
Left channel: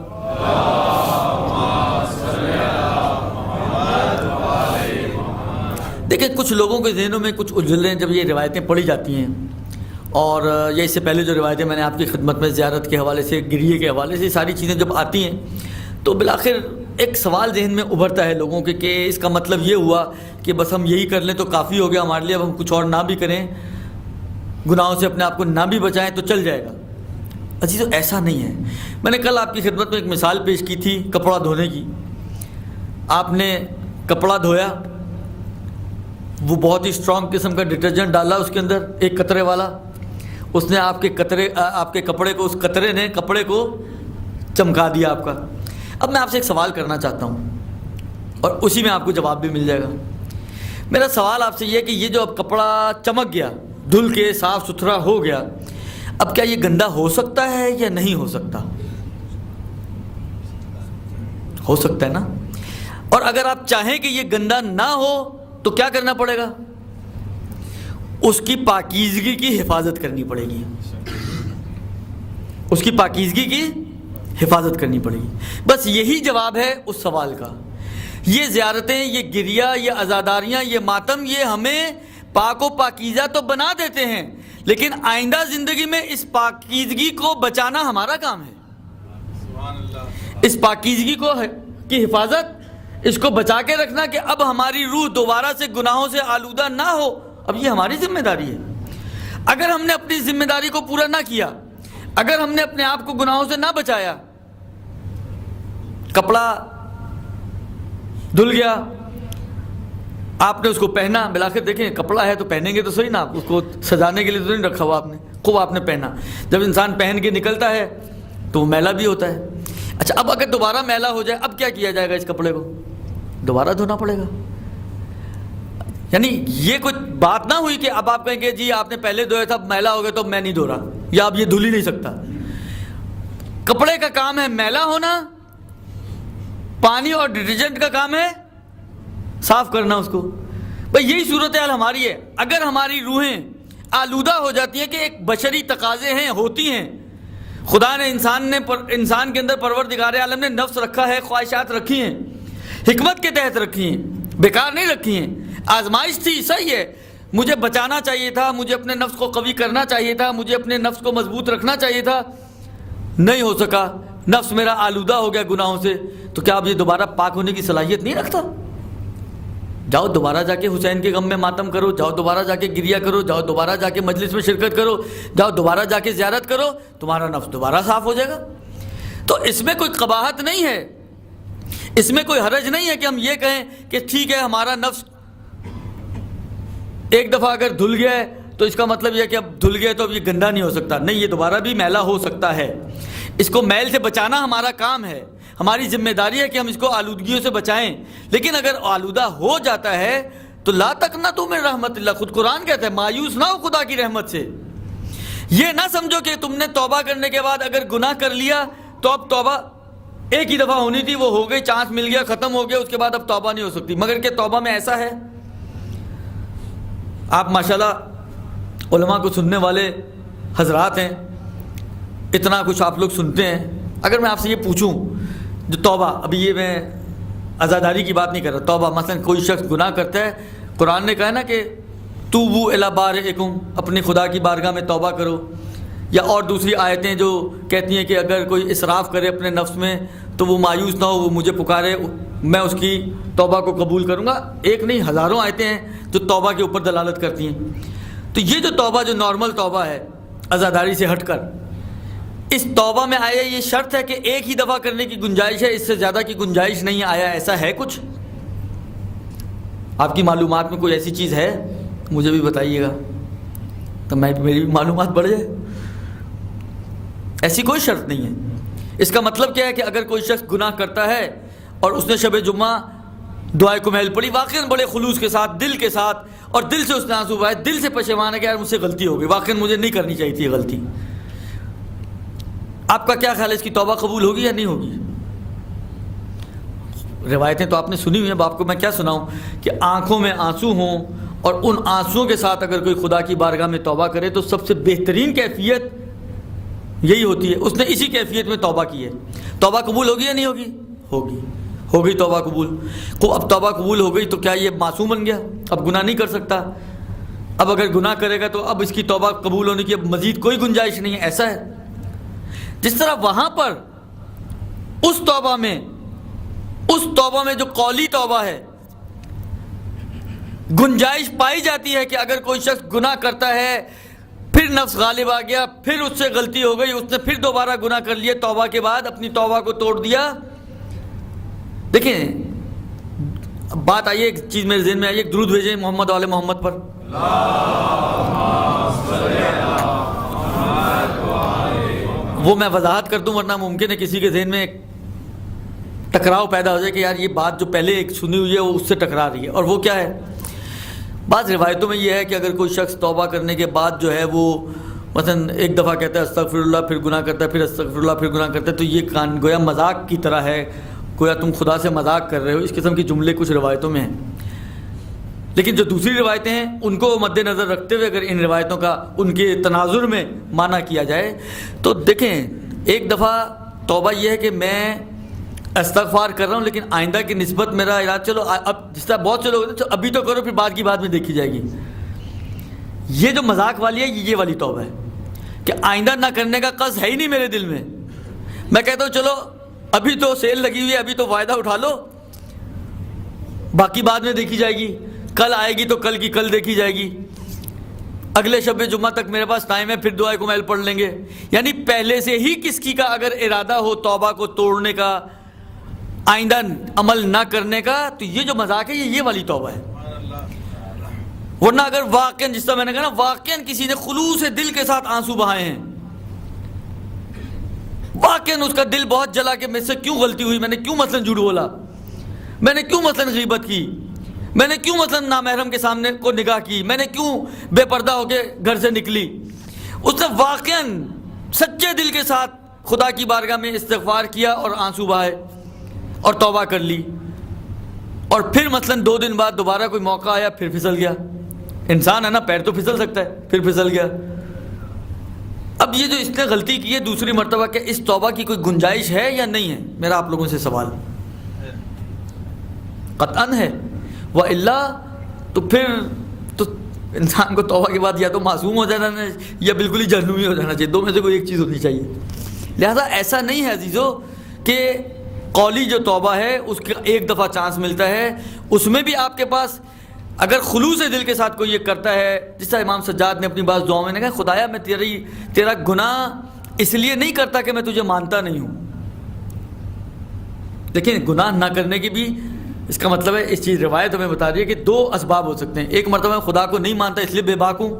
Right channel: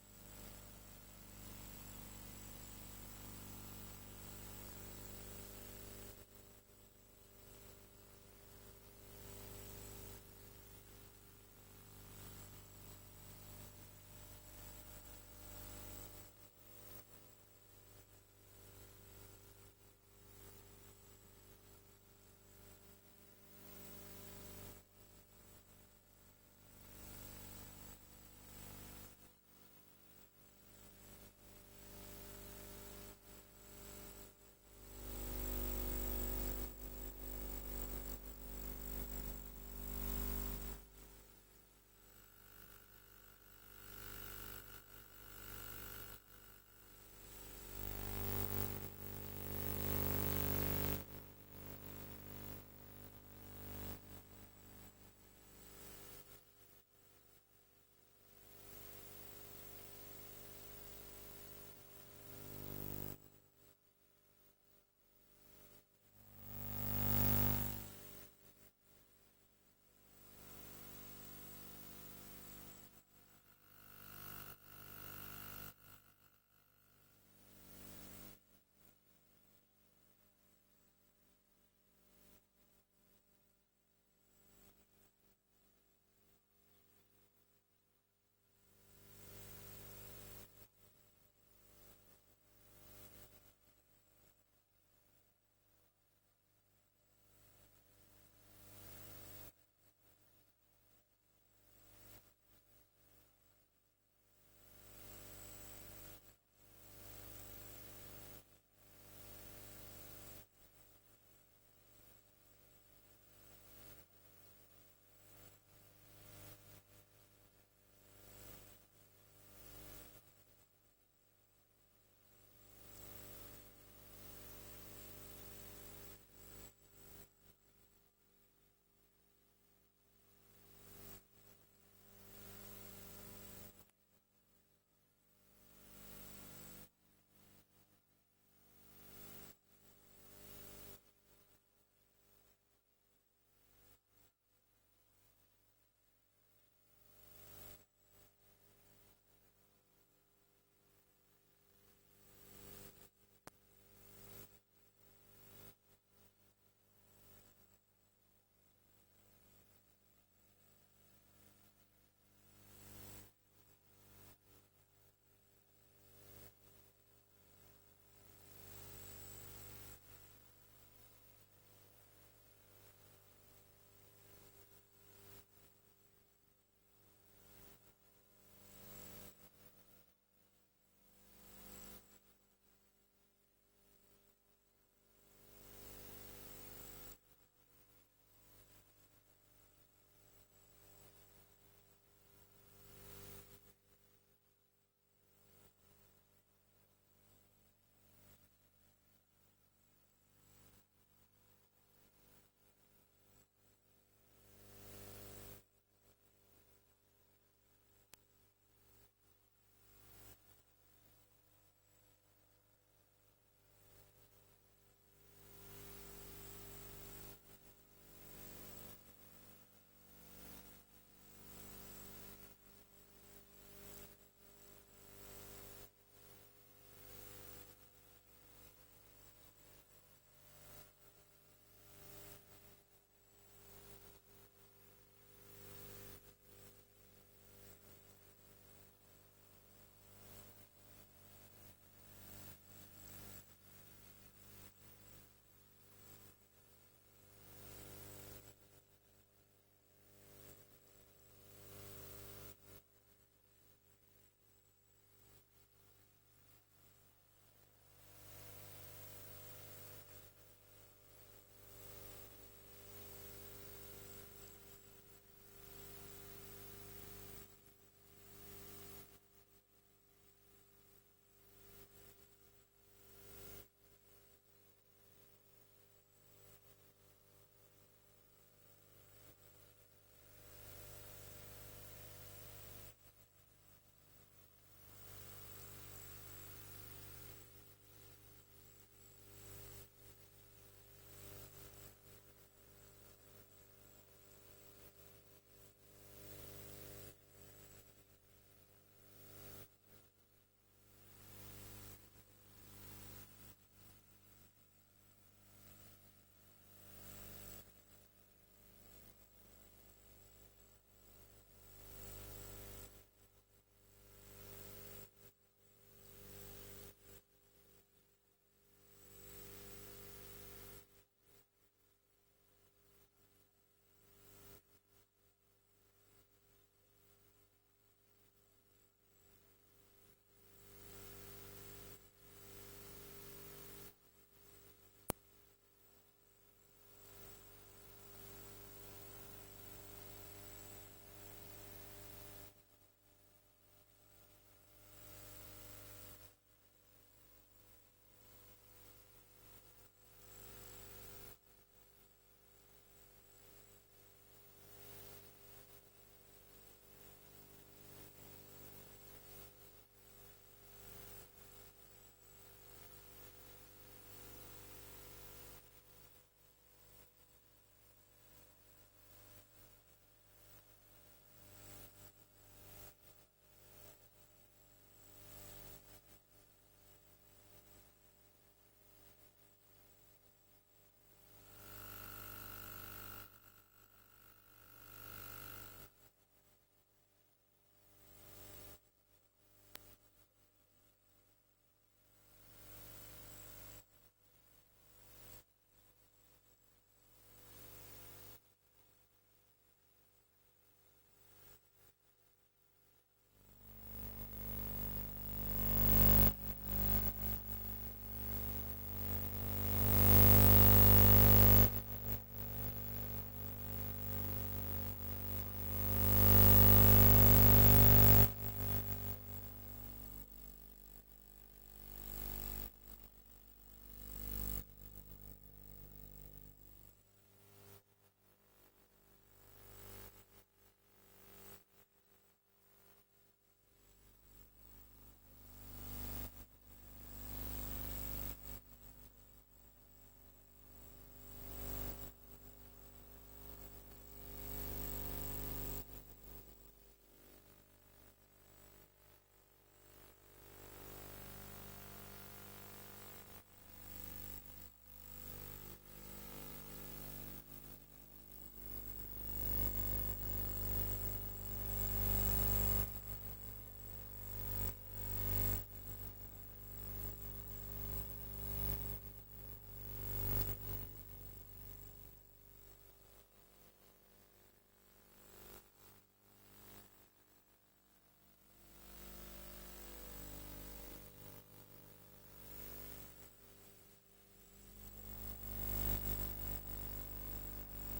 دیکھیں، کچھ لوگوں کے ذہنوں میں کچھ الجھنیں جب یہ روایتیں پڑھی جاتی ہیں، اور یہ اس سے پہلے جو روایتیں میں نے آپ کی خدمت میں زیارت کے حوالے سے، گریے کے حوالے سے، ساری چیزیں جب آتی ہیں تو بالآخر ایک سوال ذہن میں ابھرتا ہے لوگوں کے کہ اس کا مطلب یہ ہوا کہ بس ہم یہی کر لیں تو کافی ہو گیا ہمارے لیے، اب ہم کچھ اور نہ بھی کریں، گناہوں سے اپنے آپ کو نہ بھی بچائیں تو چل جائے گا۔ عزیزو، ایسا نہیں ہے۔ میں نے کل آپ کی خدمت میں ایک مثال پیش کی تھی کپڑا دھونے کی۔ آپ نے کپڑا دھویا، وہ بہت ہی اسٹرانگ قسم کا ڈٹرجنٹ ڈالا اس کے اندر، ایک قطرے والا، اس نے آپ کے کپڑے کو، اس قطرے نے کپڑے کو چمکا دیا آپ کا۔ اب میں آپ سے ایک سوال کرنا چاہتا ہوں اور اسی میں آپ کو جواب بھی مل جائے گا۔ میرا سوال آپ سے یہ ہے کہ یہ جو اب کپڑا چمک گیا، دھل کے صاف ستھرا ہو گیا، اب کیا یہ گندا ہو سکتا ہے یا نہیں ہو سکتا؟ ہو سکتا ہے نا؟ اور اگر آپ چاہیں کہ یہ گندا نہ ہو تو کیا کرنا پڑے گا؟ اس کی پاکیزگی کی حفاظت کرنی پڑے گی، اس کی پاکیزگی کی حفاظت کرنی پڑے گی۔ بس یہی جواب ہے اس سوال کا۔ یہ زیارتیں، یہ گریہ، یہ عزاداریاں، یہ ماتم، یہ ہمیں پاک و پاکیزہ تو بنا دیتے ہیں، لیکن آئندہ زندگی میں اس پاکیزگی کو بچانا ہمارا کام ہے۔ اس پاکیزگی کی حفاظت، اس کو بچا کے رکھنا کہ اب ہماری روح دوبارہ سے گناہوں سے آلودہ نہ ہو، اب یہ ہماری ذمہ داری ہے۔ اگر ہم نے اپنی ذمہ داری کو پورا نہ کیا، اگر ہم نے اپنے آپ کو گناہوں سے نہ بچایا، کپڑا دھل گیا، آپ نے اس کو پہنا، بالآخر دیکھیں کپڑا ہے تو پہنیں گے تو صحیح نا، اس کو سجانے کے لیے تو نہیں رکھا ہوا آپ نے، خوب آپ نے پہنا۔ جب انسان پہن کے نکلتا ہے تو وہ میلا بھی ہوتا ہے۔ اچھا، اب اگر دوبارہ میلا ہو جائے، اب کیا کیا جائے گا؟ اس کپڑے کو دوبارہ دھونا پڑے گا۔ یعنی یہ کوئی بات نہ ہوئی کہ اب آپ کہیں گے جی آپ نے پہلے دھویا تھا، میلا ہو گیا تو میں نہیں دھو رہا، یا اب یہ دھل ہی نہیں سکتا۔ کپڑے کا کام ہے میلا ہونا، پانی اور ڈٹرجنٹ کا کام ہے صاف کرنا اس کو۔ بھئی یہی صورتحال ہماری ہے۔ اگر ہماری روحیں آلودہ ہو جاتی ہیں کہ ایک بشری تقاضے ہیں، ہوتی ہیں، خدا نے انسان کے اندر پروردگار عالم نے نفس رکھا ہے، خواہشات رکھی ہیں، حکمت کے تحت رکھی ہیں، بیکار نہیں رکھی ہیں، آزمائش تھی، صحیح ہے، مجھے بچانا چاہیے تھا، مجھے اپنے نفس کو قوی کرنا چاہیے تھا، مجھے اپنے نفس کو مضبوط رکھنا چاہیے تھا، نہیں ہو سکا، نفس میرا آلودہ ہو گیا گناہوں سے، تو کیا اب یہ دوبارہ پاک ہونے کی صلاحیت نہیں رکھتا؟ جاؤ دوبارہ جا کے حسین کے غم میں ماتم کرو، جاؤ دوبارہ جا کے گریہ کرو، جاؤ دوبارہ جا کے مجلس میں شرکت کرو، جاؤ دوبارہ جا کے زیارت کرو، تمہارا نفس دوبارہ صاف ہو جائے گا۔ تو اس میں کوئی قباحت نہیں ہے، اس میں کوئی حرج نہیں ہے کہ ہم یہ کہیں کہ ٹھیک ہے ہمارا نفس ایک دفعہ اگر دھل گیا ہے تو اس کا مطلب یہ ہے کہ اب دھل گیا تو اب یہ گندا نہیں ہو سکتا، نہیں، یہ دوبارہ بھی میلا ہو سکتا ہے، اس کو میل سے بچانا ہمارا کام ہے، ہماری ذمہ داری ہے کہ ہم اس کو آلودگیوں سے بچائیں، لیکن اگر آلودہ ہو جاتا ہے تو لا تقنطوا من رحمت اللہ، خود قرآن کہتا ہے مایوس نہ ہو خدا کی رحمت سے۔ یہ نہ سمجھو کہ تم نے توبہ کرنے کے بعد اگر گناہ کر لیا تو اب توبہ ایک ہی دفعہ ہونی تھی، وہ ہو گئی، چانس مل گیا، ختم ہو گیا، اس کے بعد اب توبہ نہیں ہو سکتی، مگر کہ توبہ میں ایسا ہے، آپ ماشاءاللہ علماء کو سننے والے حضرات ہیں، اتنا کچھ آپ لوگ سنتے ہیں، اگر میں آپ سے یہ پوچھوں جو توبہ، ابھی یہ میں عزاداری کی بات نہیں کر رہا، توبہ مثلا کوئی شخص گناہ کرتا ہے، قرآن نے کہا نا کہ توبوا الی بارئکم، اپنی خدا کی بارگاہ میں توبہ کرو، یا اور دوسری آیتیں جو کہتی ہیں کہ اگر کوئی اسراف کرے اپنے نفس میں تو وہ مایوس نہ ہو، وہ مجھے پکارے، میں اس کی توبہ کو قبول کروں گا، ایک نہیں ہزاروں آیتیں ہیں جو توبہ کے اوپر دلالت کرتی ہیں۔ تو یہ جو توبہ جو نارمل توبہ ہے عزاداری سے ہٹ کر، اس توبہ میں آیا یہ شرط ہے کہ ایک ہی دفعہ کرنے کی گنجائش ہے، اس سے زیادہ کی گنجائش نہیں، آیا ایسا ہے کچھ؟ آپ کی معلومات میں کوئی ایسی چیز ہے مجھے بھی بتائیے گا تو میری بھی معلومات بڑھ جائے۔ ایسی کوئی شرط نہیں ہے۔ اس کا مطلب کیا ہے کہ اگر کوئی شخص گناہ کرتا ہے اور اس نے شب جمعہ دعائے کمیل پڑھی واقعاً بڑے خلوص کے ساتھ، دل کے ساتھ، اور دل سے اس نے آنسو بہائے، دل سے پشیمان ہے کہ یار مجھ سے غلطی ہو گئی، واقعاً مجھے نہیں کرنی چاہیے تھی یہ غلطی، آپ کا کیا خیال ہے اس کی توبہ قبول ہوگی یا نہیں ہوگی؟ روایتیں تو آپ نے سنی ہوئی ہیں، اب آپ کو میں کیا سناؤں کہ آنکھوں میں آنسو ہوں اور ان آنسوؤں کے ساتھ اگر کوئی خدا کی بارگاہ میں توبہ کرے تو سب سے بہترین کیفیت یہی ہوتی ہے، اس نے اسی کیفیت میں توبہ کی ہے۔ توبہ قبول ہوگی یا نہیں ہوگی؟ ہوگی، ہو گئی توبہ قبول۔ اب توبہ قبول ہو گئی تو کیا یہ معصوم بن گیا؟ اب گناہ نہیں کر سکتا؟ اب اگر گناہ کرے گا تو اب اس کی توبہ قبول ہونے کی اب مزید کوئی گنجائش نہیں ہے، ایسا ہے؟ جس طرح وہاں پر اس توبہ میں جو قولی توبہ ہے گنجائش پائی جاتی ہے کہ اگر کوئی شخص گناہ کرتا ہے، پھر نفس غالب آ گیا، پھر اس سے غلطی ہو گئی، اس نے پھر دوبارہ گناہ کر لیا، توبہ کے بعد اپنی توبہ کو توڑ دیا۔ دیکھیں بات آئیے، ایک چیز میرے ذہن میں آئی، ایک درود بھیجیں محمد والے محمد پر۔ وہ میں وضاحت کر دوں ورنہ ممکن ہے کسی کے ذہن میں ٹکراؤ پیدا ہو جائے کہ یار یہ بات جو پہلے ایک سنی ہوئی ہے وہ اس سے ٹکرا رہی ہے، اور وہ کیا ہے؟ بعض روایتوں میں یہ ہے کہ اگر کوئی شخص توبہ کرنے کے بعد جو ہے وہ مثلا ایک دفعہ کہتا ہے استغفر اللہ، پھر گناہ کرتا ہے، پھر استغفر اللہ، پھر گناہ کرتا ہے، تو یہ گویا مذاق کی طرح ہے، گویا تم خدا سے مذاق کر رہے ہو، اس قسم کی جملے کچھ روایتوں میں ہیں۔ لیکن جو دوسری روایتیں ہیں ان کو مد نظر رکھتے ہوئے اگر ان روایتوں کا ان کے تناظر میں معنی کیا جائے تو دیکھیں، ایک دفعہ توبہ یہ ہے کہ میں استغفار کر رہا ہوں لیکن آئندہ کی نسبت میرا ارادہ، چلو اب جس طرح بہت سے لوگ ہیں تو ابھی تو کرو پھر بعد کی بات میں دیکھی جائے گی، یہ جو مذاق والی ہے یہ والی توبہ ہے کہ آئندہ نہ کرنے کا قصد ہے ہی نہیں میرے دل میں، میں کہتا ہوں چلو ابھی تو سیل لگی ہوئی ہے، ابھی تو فائدہ اٹھا لو، باقی بعد میں دیکھی جائے گی، کل آئے گی تو کل کی کل دیکھی جائے گی، اگلے شب جمعہ تک میرے پاس ٹائم ہے، پھر دعائے کمیل پڑھ لیں گے۔ یعنی پہلے سے ہی کسی کا اگر ارادہ ہو توبہ کو توڑنے کا، آئندہ عمل نہ کرنے کا، تو یہ جو مذاق ہے یہ والی توبہ ہے۔ ورنہ اگر واقعاً جس طرح میں نے کہا نا، واقعاً کسی نے خلوص دل کے ساتھ آنسو بہائے ہیں، واقعاً اس کا دل بہت جلا کہ مجھ سے کیوں غلطی ہوئی، میں نے کیوں مثلاً جھوٹ بولا، میں نے کیوں مثلاً غیبت کی، میں نے کیوں مثلاً نامحرم کے سامنے کو نگاہ کی، میں نے کیوں بے پردہ ہو کے گھر سے نکلی، اس نے واقعاً سچے دل کے ساتھ خدا کی بارگاہ میں استغفار کیا اور آنسو بہائے اور توبہ کر لی، اور پھر مثلاً 2 دن بعد دوبارہ کوئی موقع آیا، پھر پھسل گیا، انسان ہے نا، پیر تو پھسل سکتا ہے، پھر پھسل گیا، اب یہ جو اس نے غلطی کی ہے دوسری مرتبہ، کہ اس توبہ کی کوئی گنجائش ہے یا نہیں ہے؟ میرا آپ لوگوں سے سوال قطعاً ہے، وَإِلَّا تو پھر تو انسان کو توبہ کے بعد یا تو معصوم ہو جانا ہے یا بالکل ہی جہنمی ہو جانا چاہیے، دو میں سے کوئی ایک چیز ہونی چاہیے۔ لہذا ایسا نہیں ہے عزیزو کہ قولی جو توبہ ہے اس کا ایک دفعہ چانس ملتا ہے، اس میں بھی آپ کے پاس اگر خلوص دل کے ساتھ کوئی یہ کرتا ہے، جس طرح امام سجاد نے اپنی بعض دعاؤں میں نے کہا خدایا میں تیرا گناہ اس لیے نہیں کرتا کہ میں تجھے مانتا نہیں ہوں۔ لیکن گناہ نہ کرنے کی بھی اس کا مطلب ہے، اس چیز روایت ہمیں بتا رہی ہے کہ دو اسباب ہو سکتے ہیں۔ ایک مرتبہ میں خدا کو نہیں مانتا اس لیے بے باک ہوں،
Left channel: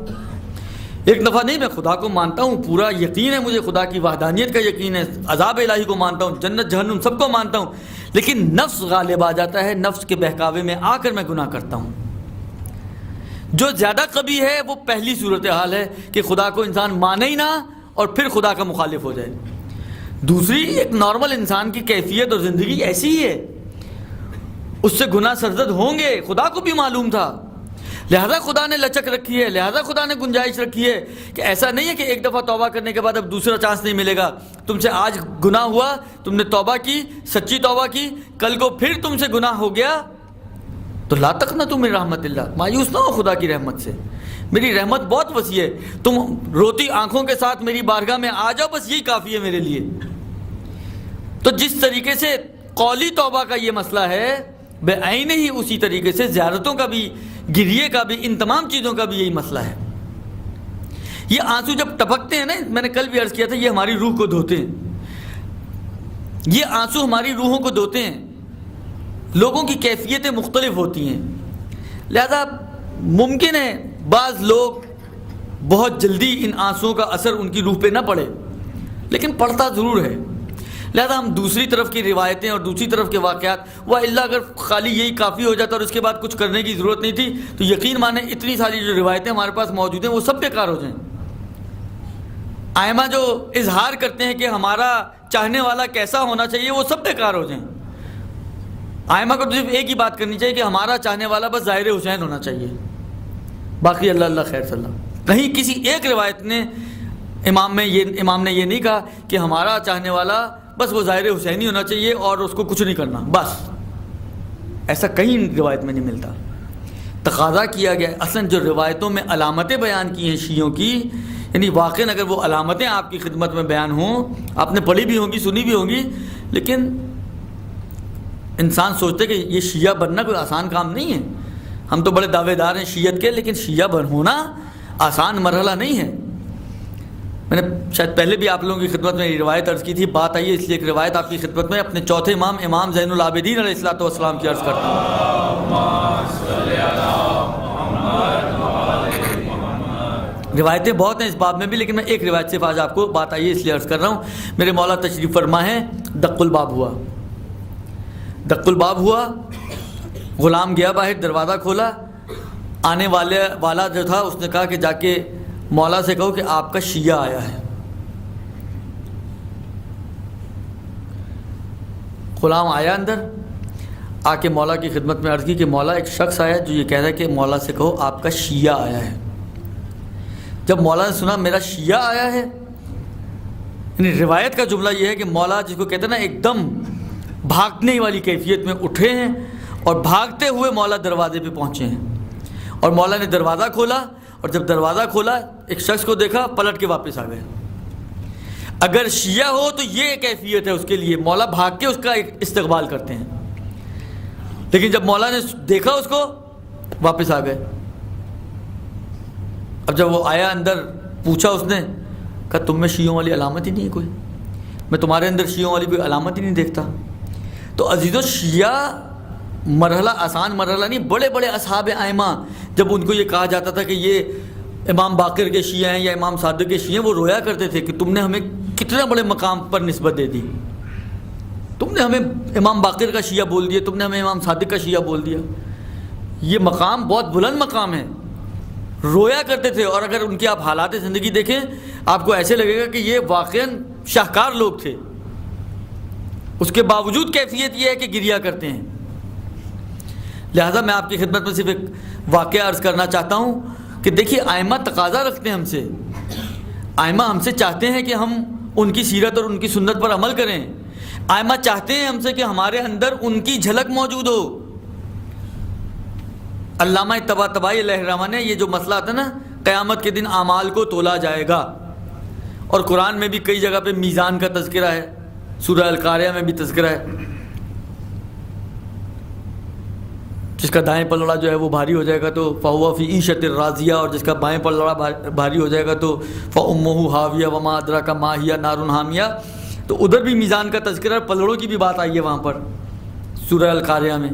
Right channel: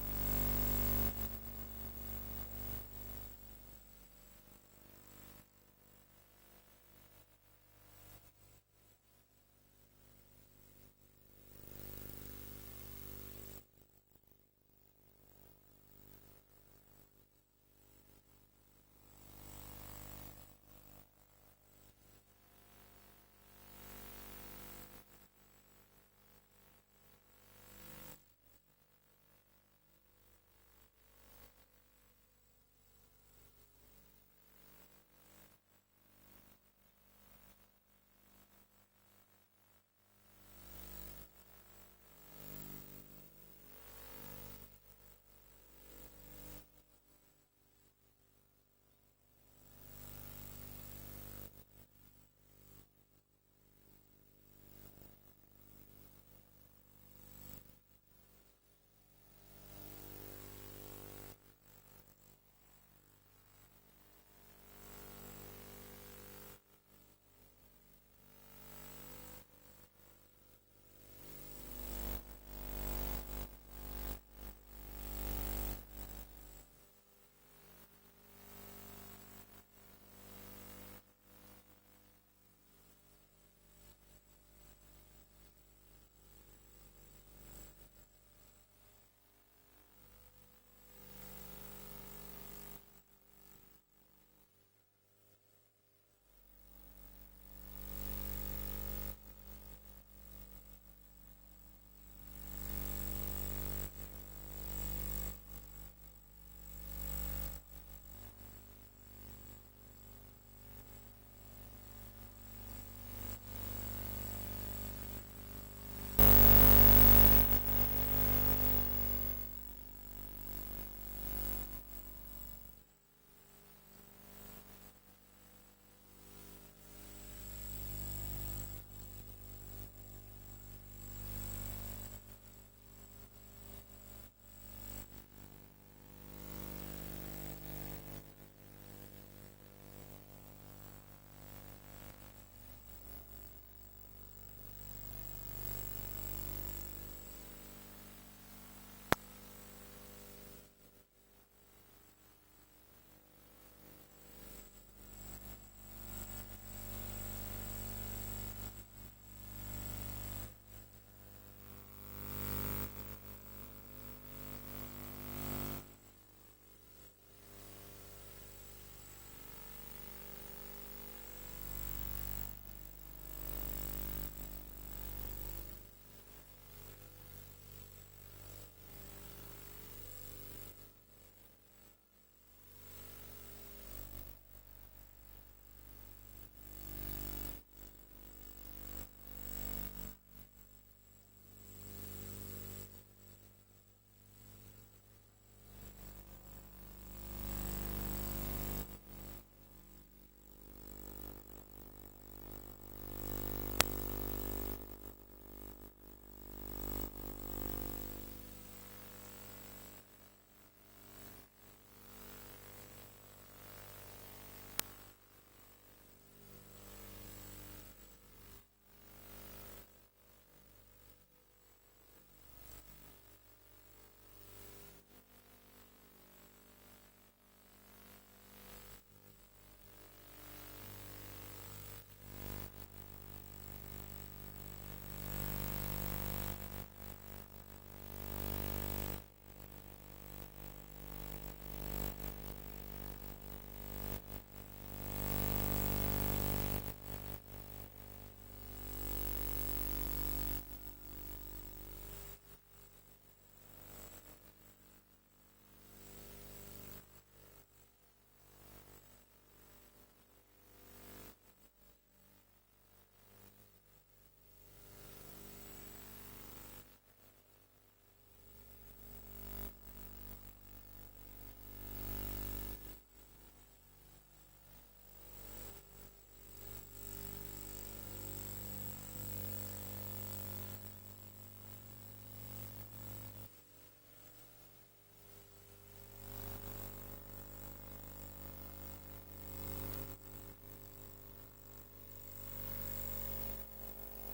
ایک دفعہ نہیں میں خدا کو مانتا ہوں، پورا یقین ہے مجھے، خدا کی وحدانیت کا یقین ہے، عذاب الہی کو مانتا ہوں، جنت جہنم سب کو مانتا ہوں، لیکن نفس غالب آ جاتا ہے، نفس کے بہکاوے میں آ کر میں گناہ کرتا ہوں۔ جو زیادہ قبیح ہے وہ پہلی صورتحال ہے کہ خدا کو انسان مانے ہی نہ اور پھر خدا کا مخالف ہو جائے۔ دوسری ایک نارمل انسان کی کیفیت اور زندگی ایسی ہی ہے، اس سے گناہ سرزد ہوں گے، خدا کو بھی معلوم تھا، لہذا خدا نے لچک رکھی ہے، لہذا خدا نے گنجائش رکھی ہے کہ ایسا نہیں ہے کہ ایک دفعہ توبہ کرنے کے بعد اب دوسرا چانس نہیں ملے گا۔ تم سے آج گناہ ہوا، تم نے توبہ کی، سچی توبہ کی، کل کو پھر تم سے گناہ ہو گیا تو لا تقنطوا من رحمت اللہ، مایوس نہ ہو خدا کی رحمت سے، میری رحمت بہت وسیع ہے، تم روتی آنکھوں کے ساتھ میری بارگاہ میں آ جاؤ، بس یہی کافی ہے میرے لیے۔ تو جس طریقے سے قولی توبہ کا یہ مسئلہ ہے، بے عین ہی اسی طریقے سے زیارتوں کا بھی، گریے کا بھی، ان تمام چیزوں کا بھی یہی مسئلہ ہے۔ یہ آنسو جب ٹپکتے ہیں نا، میں نے کل بھی عرض کیا تھا، یہ ہماری روح کو دھوتے ہیں، یہ آنسو ہماری روحوں کو دھوتے ہیں۔ لوگوں کی کیفیتیں مختلف ہوتی ہیں، لہذا ممکن ہے بعض لوگ بہت جلدی ان آنسوؤں کا اثر ان کی روح پہ نہ پڑے، لیکن پڑتا ضرور ہے۔ لہذا ہم دوسری طرف کی روایتیں اور دوسری طرف کے واقعات، وَإِلَّا اگر خالی یہی کافی ہو جاتا اور اس کے بعد کچھ کرنے کی ضرورت نہیں تھی تو یقین مانیں اتنی ساری جو روایتیں ہمارے پاس موجود ہیں وہ سب بیکار ہو جائیں۔ ائمہ جو اظہار کرتے ہیں کہ ہمارا چاہنے والا کیسا ہونا چاہیے وہ سب بیکار ہو جائیں۔ ائمہ کو صرف ایک ہی بات کرنی چاہیے کہ ہمارا چاہنے والا بس ظاہر حسین ہونا چاہیے، باقی اللہ اللہ خیر صلی اللہ۔ کہیں کسی ایک روایت نے امام نے یہ نہیں کہا کہ ہمارا چاہنے والا بس وہ ظاہر حسینی ہونا چاہیے اور اس کو کچھ نہیں کرنا، بس ایسا کہیں روایت میں نہیں ملتا۔ تقاضا کیا گیا اصلاً جو روایتوں میں علامتیں بیان کی ہیں شیعوں کی، یعنی واقعاً اگر وہ علامتیں آپ کی خدمت میں بیان ہوں، آپ نے پڑھی بھی ہوں گی، سنی بھی ہوں گی، لیکن انسان سوچتے کہ یہ شیعہ بننا کوئی آسان کام نہیں ہے۔ ہم تو بڑے دعوے دار ہیں شیعت کے، لیکن شیعہ ہونا آسان مرحلہ نہیں ہے۔ میں نے شاید پہلے بھی آپ لوگوں کی خدمت میں یہ روایت عرض کی تھی، بات آئی ہے اس لیے ایک روایت آپ کی خدمت میں اپنے چوتھے امام امام زین العابدین علیہ الصلوۃ والسلام کی عرض کرتا ہوں۔ روایتیں بہت ہیں اس باب میں بھی، لیکن میں ایک روایت صرف آج آپ کو بات آئی ہے اس لیے عرض کر رہا ہوں۔ میرے مولا تشریف فرما ہے، دق الباب ہوا، دق الباب ہوا، غلام گیا باہر، دروازہ کھولا، آنے والا جو تھا اس نے کہا کہ جا کے مولا سے کہو کہ آپ کا شیعہ آیا ہے۔ غلام آیا اندر، آ کے مولا کی خدمت میں عرض کی کہ مولا ایک شخص آیا جو یہ کہہ رہا ہے کہ مولا سے کہو آپ کا شیعہ آیا ہے۔ جب مولا نے سنا میرا شیعہ آیا ہے، یعنی روایت کا جملہ یہ ہے کہ مولا جس کو کہتے ہیں نا ایک دم بھاگنے والی کیفیت میں اٹھے ہیں اور بھاگتے ہوئے مولا دروازے پہ پہنچے ہیں، اور مولا نے دروازہ کھولا، اور جب دروازہ کھولا ایک شخص کو دیکھا، پلٹ کے واپس آ گئے۔ اگر شیعہ ہو تو یہ کیفیت ہے اس کے لیے، مولا بھاگ کے اس کا استقبال کرتے ہیں، لیکن جب مولا نے دیکھا اس کو واپس آ گئے۔ اب جب وہ آیا اندر، پوچھا اس نے، کہا تم میں شیعوں والی علامت ہی نہیں ہے کوئی، میں تمہارے اندر شیعوں والی کوئی علامت ہی نہیں دیکھتا۔ تو عزیزو شیعہ مرحلہ آسان مرحلہ نہیں، بڑے بڑے اصحاب ائمہ جب ان کو یہ کہا جاتا تھا کہ یہ امام باقر کے شیعہ ہیں یا امام صادق کے شیعہ ہیں، وہ رویا کرتے تھے کہ تم نے ہمیں کتنے بڑے مقام پر نسبت دے دی، تم نے ہمیں امام باقر کا شیعہ بول دیا، تم نے ہمیں امام صادق کا شیعہ بول دیا۔ یہ مقام بہت بلند مقام ہے، رویا کرتے تھے، اور اگر ان کی آپ حالات زندگی دیکھیں آپ کو ایسے لگے گا کہ یہ واقعاً شاہکار لوگ تھے، اس کے باوجود کیفیت یہ ہے کہ گریہ کرتے ہیں۔ لہذا میں آپ کی خدمت میں صرف ایک واقعہ عرض کرنا چاہتا ہوں کہ دیکھیے ائمہ تقاضا رکھتے ہیں ہم سے، آئمہ ہم سے چاہتے ہیں کہ ہم ان کی سیرت اور ان کی سنت پر عمل کریں. آئمہ چاہتے ہیں ہم سے کہ ہمارے اندر ان کی جھلک موجود ہو. علامہ طباطبائی علیہ الرحمہ نے یہ جو مسئلہ آتا ہے نا قیامت کے دن اعمال کو تولا جائے گا، اور قرآن میں بھی کئی جگہ پہ میزان کا تذکرہ ہے، سورہ القاریہ میں بھی تذکرہ ہے. جس کا دائیں پلڑا جو ہے وہ بھاری ہو جائے گا تو فَهُوَ فِي عِيشَةٍ رَاضِيَةٍ، اور جس کا بائیں پلڑا بھاری ہو جائے گا تو فَأُمُّهُ هَاوِيَةٌ وَمَا أَدْرَاكَ مَا هِيَ نَارٌ حَامِيَةٌ. تو ادھر بھی میزان کا تذکرہ، پلڑوں کی بھی بات آئی ہے وہاں پر سورہ القاریہ میں.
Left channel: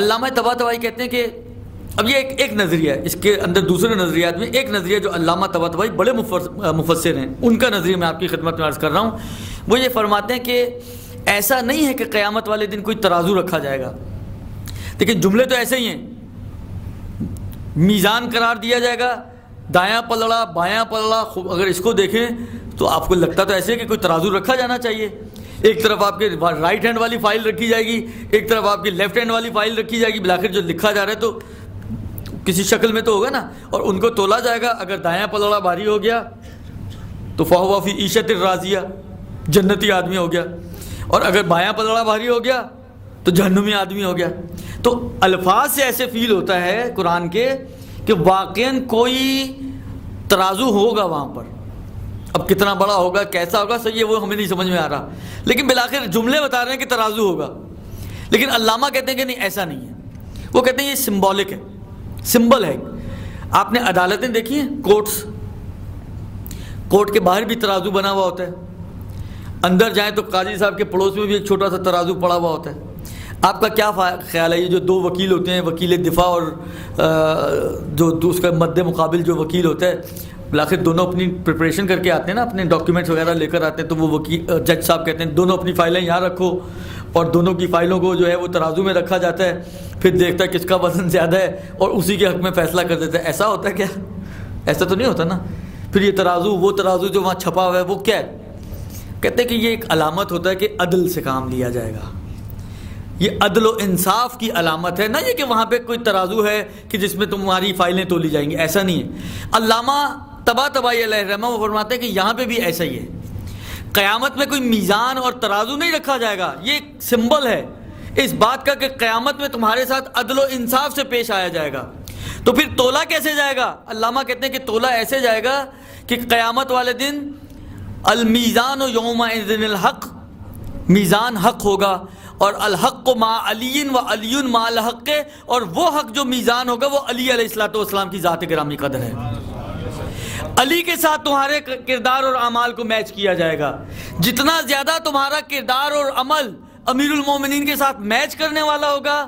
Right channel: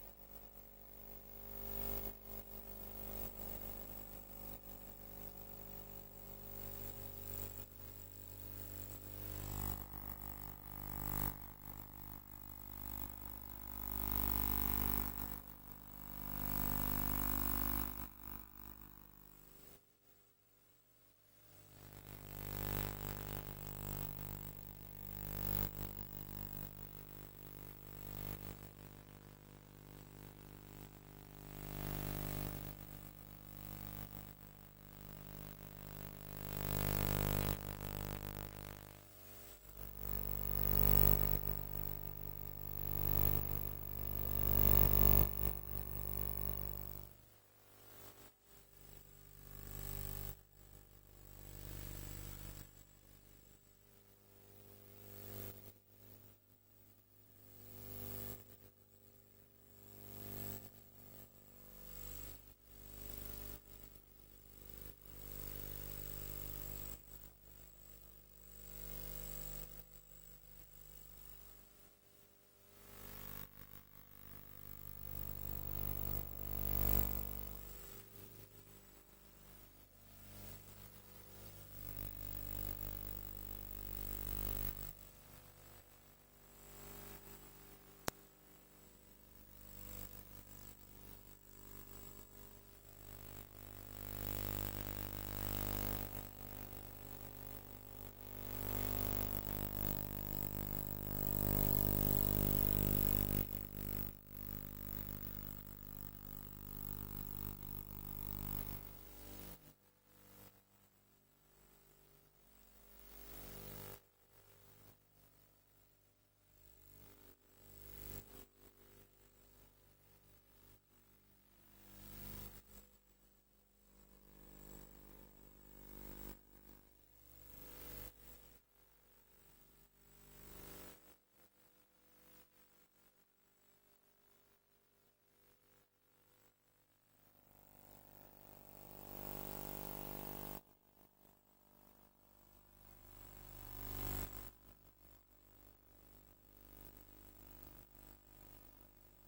علامہ طباطبائی کہتے ہیں کہ اب یہ ایک نظریہ ہے، اس کے اندر دوسرے نظریات میں ایک نظریہ جو علامہ طباطبائی بڑے مفسر ہیں ان کا نظریہ میں آپ کی خدمت میں عرض کر رہا ہوں. وہ یہ فرماتے ہیں کہ ایسا نہیں ہے کہ قیامت والے دن کوئی ترازو رکھا جائے گا، لیکن جملے تو ایسے ہی ہیں. میزان قرار دیا جائے گا، دایاں پلڑا بایاں پلڑا، اگر اس کو دیکھیں تو آپ کو لگتا تو ایسے ہے کہ کوئی ترازو رکھا جانا چاہیے. ایک طرف آپ کے رائٹ ہینڈ والی فائل رکھی جائے گی، ایک طرف آپ کی لیفٹ ہینڈ والی فائل رکھی جائے گی، بالآخر جو لکھا جا رہا ہے تو کسی شکل میں تو ہوگا نا، اور ان کو تولا جائے گا. اگر دایاں پلڑا بھاری ہو گیا تو فَهُوَ فِي عِيشَةٍ رَاضِيَةٍ، جنتی آدمی ہو گیا، اور اگر بایاں پلڑا بھاری ہو گیا تو جہنمی آدمی ہو گیا. تو الفاظ سے ایسے فیل ہوتا ہے قرآن کے کہ واقعاً کوئی ترازو ہوگا وہاں پر. اب کتنا بڑا ہوگا، کیسا ہوگا، صحیح ہے وہ ہمیں نہیں سمجھ میں آ رہا، لیکن بالآخر جملے بتا رہے ہیں کہ ترازو ہوگا. لیکن علامہ کہتے ہیں کہ نہیں، ایسا نہیں ہے. وہ کہتے ہیں یہ سمبولک ہے، سمبل ہے. آپ نے عدالتیں دیکھی ہیں، کورٹ کے باہر بھی ترازو بنا ہوا ہوتا ہے. اندر جائیں تو قاضی صاحب کے پڑوس میں بھی ایک چھوٹا سا ترازو پڑا ہوا ہوتا ہے. آپ کا کیا خیال ہے، یہ جو دو وکیل ہوتے ہیں، وکیل دفاع اور جو اس کا مد مقابل جو وکیل ہوتا ہے، بالآخر دونوں اپنی پریپریشن کر کے آتے ہیں نا، اپنے ڈاکیومنٹس وغیرہ لے کر آتے ہیں، تو وہ وکیل جج صاحب کہتے ہیں دونوں اپنی فائلیں یہاں رکھو، اور دونوں کی فائلوں کو جو ہے وہ ترازو میں رکھا جاتا ہے، پھر دیکھتا ہے کس کا وزن زیادہ ہے اور اسی کے حق میں فیصلہ کر دیتا ہے. ایسا ہوتا ہے کیا؟ ایسا تو نہیں ہوتا نا. پھر یہ ترازو، وہ ترازو جو وہاں چھپا ہوا ہے وہ کیا ہے؟ کہتے ہیں کہ یہ ایک علامت ہوتا ہے کہ عدل سے کام لیا جائے گا. یہ عدل و انصاف کی علامت ہے، نہ یہ کہ وہاں پہ کوئی ترازو ہے کہ جس میں تمہاری فائلیں تولی جائیں گی، ایسا نہیں ہے. علامہ طباطبائی علیہ الرحمہ وہ فرماتے ہیں کہ یہاں پہ بھی ایسا ہی ہے. قیامت میں کوئی میزان اور ترازو نہیں رکھا جائے گا. یہ ایک سمبل ہے اس بات کا کہ قیامت میں تمہارے ساتھ عدل و انصاف سے پیش آیا جائے گا. تو پھر تولا کیسے جائے گا؟ علامہ کہتے ہیں کہ تولا ایسے جائے گا کہ قیامت والے دن المیزان یومئذ الحق، میزان حق ہوگا، اور الحق مع علی و علی مع الحق، اور وہ حق جو میزان ہوگا وہ علی علیہ الصلوۃ والسلام کی ذات گرامی قدر ہے. علی کے ساتھ تمہارے کردار اور اعمال کو میچ کیا جائے گا. جتنا زیادہ تمہارا کردار اور عمل امیر المومنین کے ساتھ میچ کرنے والا ہوگا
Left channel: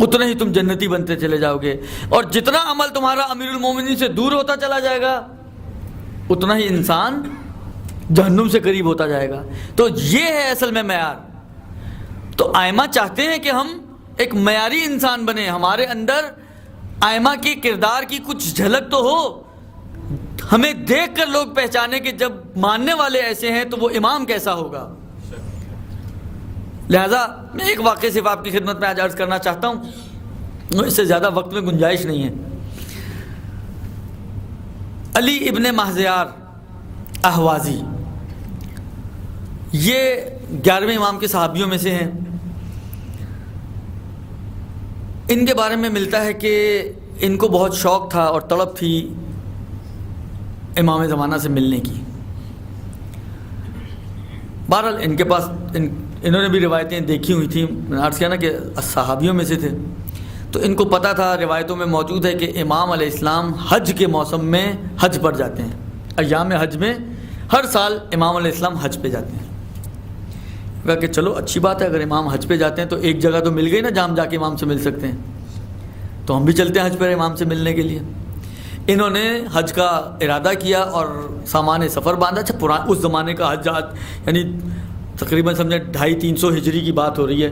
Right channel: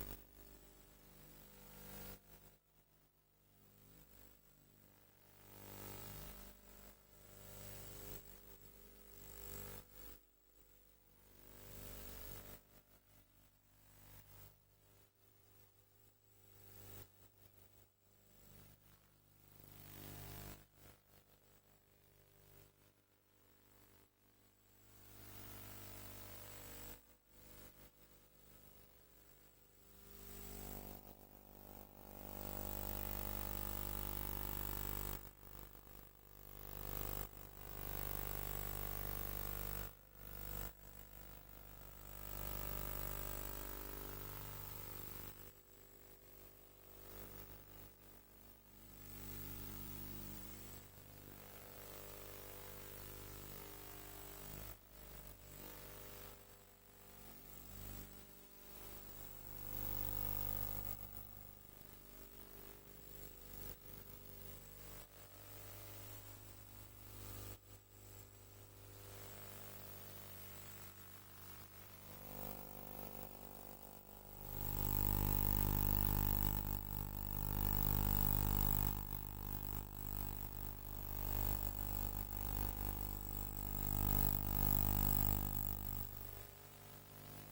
اتنا ہی تم جنتی بنتے چلے جاؤ گے، اور جتنا عمل تمہارا امیر المومنین سے دور ہوتا چلا جائے گا اتنا ہی انسان جہنم سے قریب ہوتا جائے گا. تو یہ ہے اصل میں معیار. تو ائمہ چاہتے ہیں کہ ہم ایک معیاری انسان بنیں، ہمارے اندر ائمہ کے کردار کی کچھ جھلک تو ہو، ہمیں دیکھ کر لوگ پہچانے کہ جب ماننے والے ایسے ہیں تو وہ امام کیسا ہوگا. لہذا میں ایک واقعے صرف آپ کی خدمت میں آج عرض کرنا چاہتا ہوں، اس سے زیادہ وقت میں گنجائش نہیں ہے. علی ابن مہزیار احوازی، یہ 11ویں امام کے صحابیوں میں سے ہیں. ان کے بارے میں ملتا ہے کہ ان کو بہت شوق تھا اور تڑپ تھی امام زمانہ سے ملنے کی. بہرحال ان کے پاس انہوں نے بھی روایتیں دیکھی ہوئی تھیں، میں نے عرض کیا نا کہ صحابیوں میں سے تھے، تو ان کو پتہ تھا، روایتوں میں موجود ہے کہ امام علیہ السلام حج کے موسم میں حج پر جاتے ہیں. ایام حج میں ہر سال امام علیہ السلام حج پہ جاتے ہیں. کہا کہ چلو اچھی بات ہے، اگر امام حج پہ جاتے ہیں تو ایک جگہ تو مل گئی نا جہاں ہم جا کے امام سے مل سکتے ہیں، تو ہم بھی چلتے ہیں حج پر امام سے ملنے کے لیے. انہوں نے حج کا ارادہ کیا اور سامان سفر باندھا. اچھا اس زمانے کا حج یعنی تقریباً سمجھیں 250-300 ہجری کی بات ہو رہی ہے،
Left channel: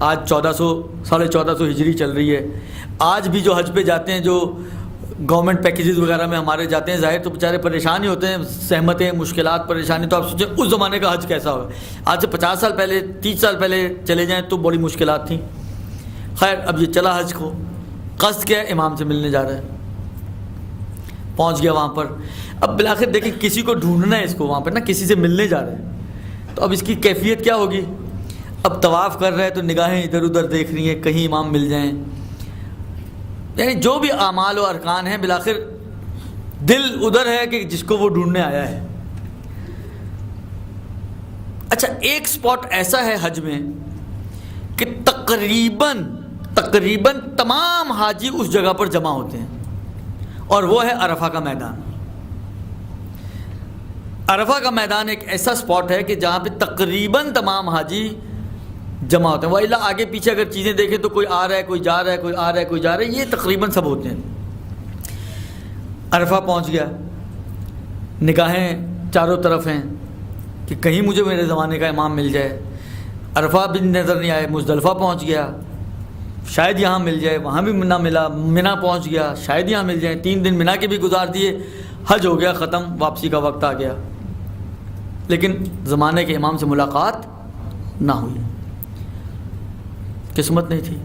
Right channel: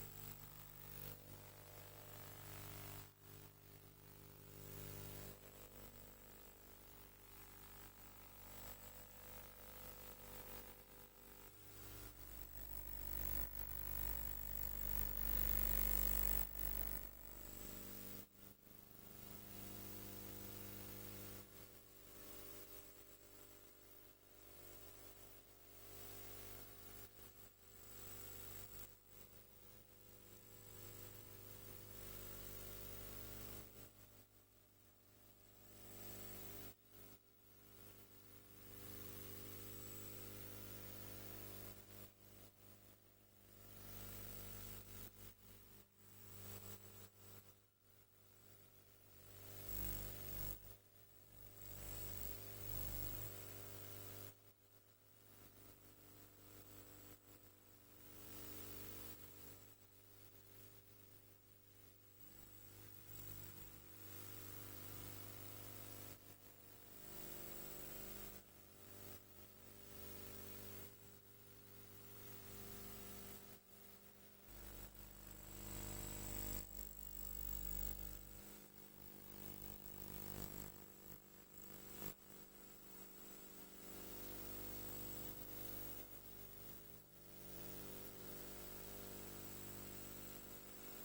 آج 1400-1450 ہجری چل رہی ہے. آج بھی جو حج پہ جاتے ہیں، جو گورنمنٹ پیکیجز وغیرہ میں ہمارے جاتے ہیں، ظاہر تو بیچارے پریشان ہی ہوتے ہیں، سہمتیں، مشکلات، پریشانی. تو آپ سوچیں اس زمانے کا حج کیسا ہوگا. آج سے 50 سال پہلے، 30 سال پہلے چلے جائیں تو بڑی مشکلات تھیں. خیر اب یہ چلا حج کو، قصد کیا ہے؟ امام سے ملنے جا رہا ہے. پہنچ گیا وہاں پر. اب بالآخر دیکھیں کسی کو ڈھونڈنا ہے اس کو وہاں پر نا, کسی سے ملنے جا رہے ہیں, تو اب اس کی کیفیت کیا ہوگی؟ اب طواف کر رہے ہیں تو نگاہیں ادھر ادھر دیکھ رہی ہیں کہیں امام مل جائیں. یعنی جو بھی اعمال و ارکان ہیں بالآخر دل ادھر ہے کہ جس کو وہ ڈھونڈنے آیا ہے. اچھا ایک سپاٹ ایسا ہے حج میں کہ تقریباً تمام حاجی اس جگہ پر جمع ہوتے ہیں, اور وہ ہے عرفہ کا میدان. عرفہ کا میدان ایک ایسا سپاٹ ہے کہ جہاں پہ تقریباً تمام حاجی جمع ہوتے ہیں. وَإِلَّا آگے پیچھے اگر چیزیں دیکھیں تو کوئی آ رہا ہے, کوئی جا رہا ہے, کوئی آ رہا ہے, کوئی جا رہا ہے, یہ تقریباً سب ہوتے ہیں. عرفہ پہنچ گیا, نگاہیں چاروں طرف ہیں کہ کہیں مجھے میرے زمانے کا امام مل جائے. عرفہ بھی نظر نہیں آئے. مزدلفہ پہنچ گیا, شاید یہاں مل جائے, وہاں بھی نہ ملا. منا پہنچ گیا, شاید یہاں مل جائے. 3 دن منا کے بھی گزار دیے, حج ہو گیا ختم, واپسی کا وقت آ گیا, لیکن زمانے کے امام سے ملاقات نہ ہوئی. قسمت نہیں تھی,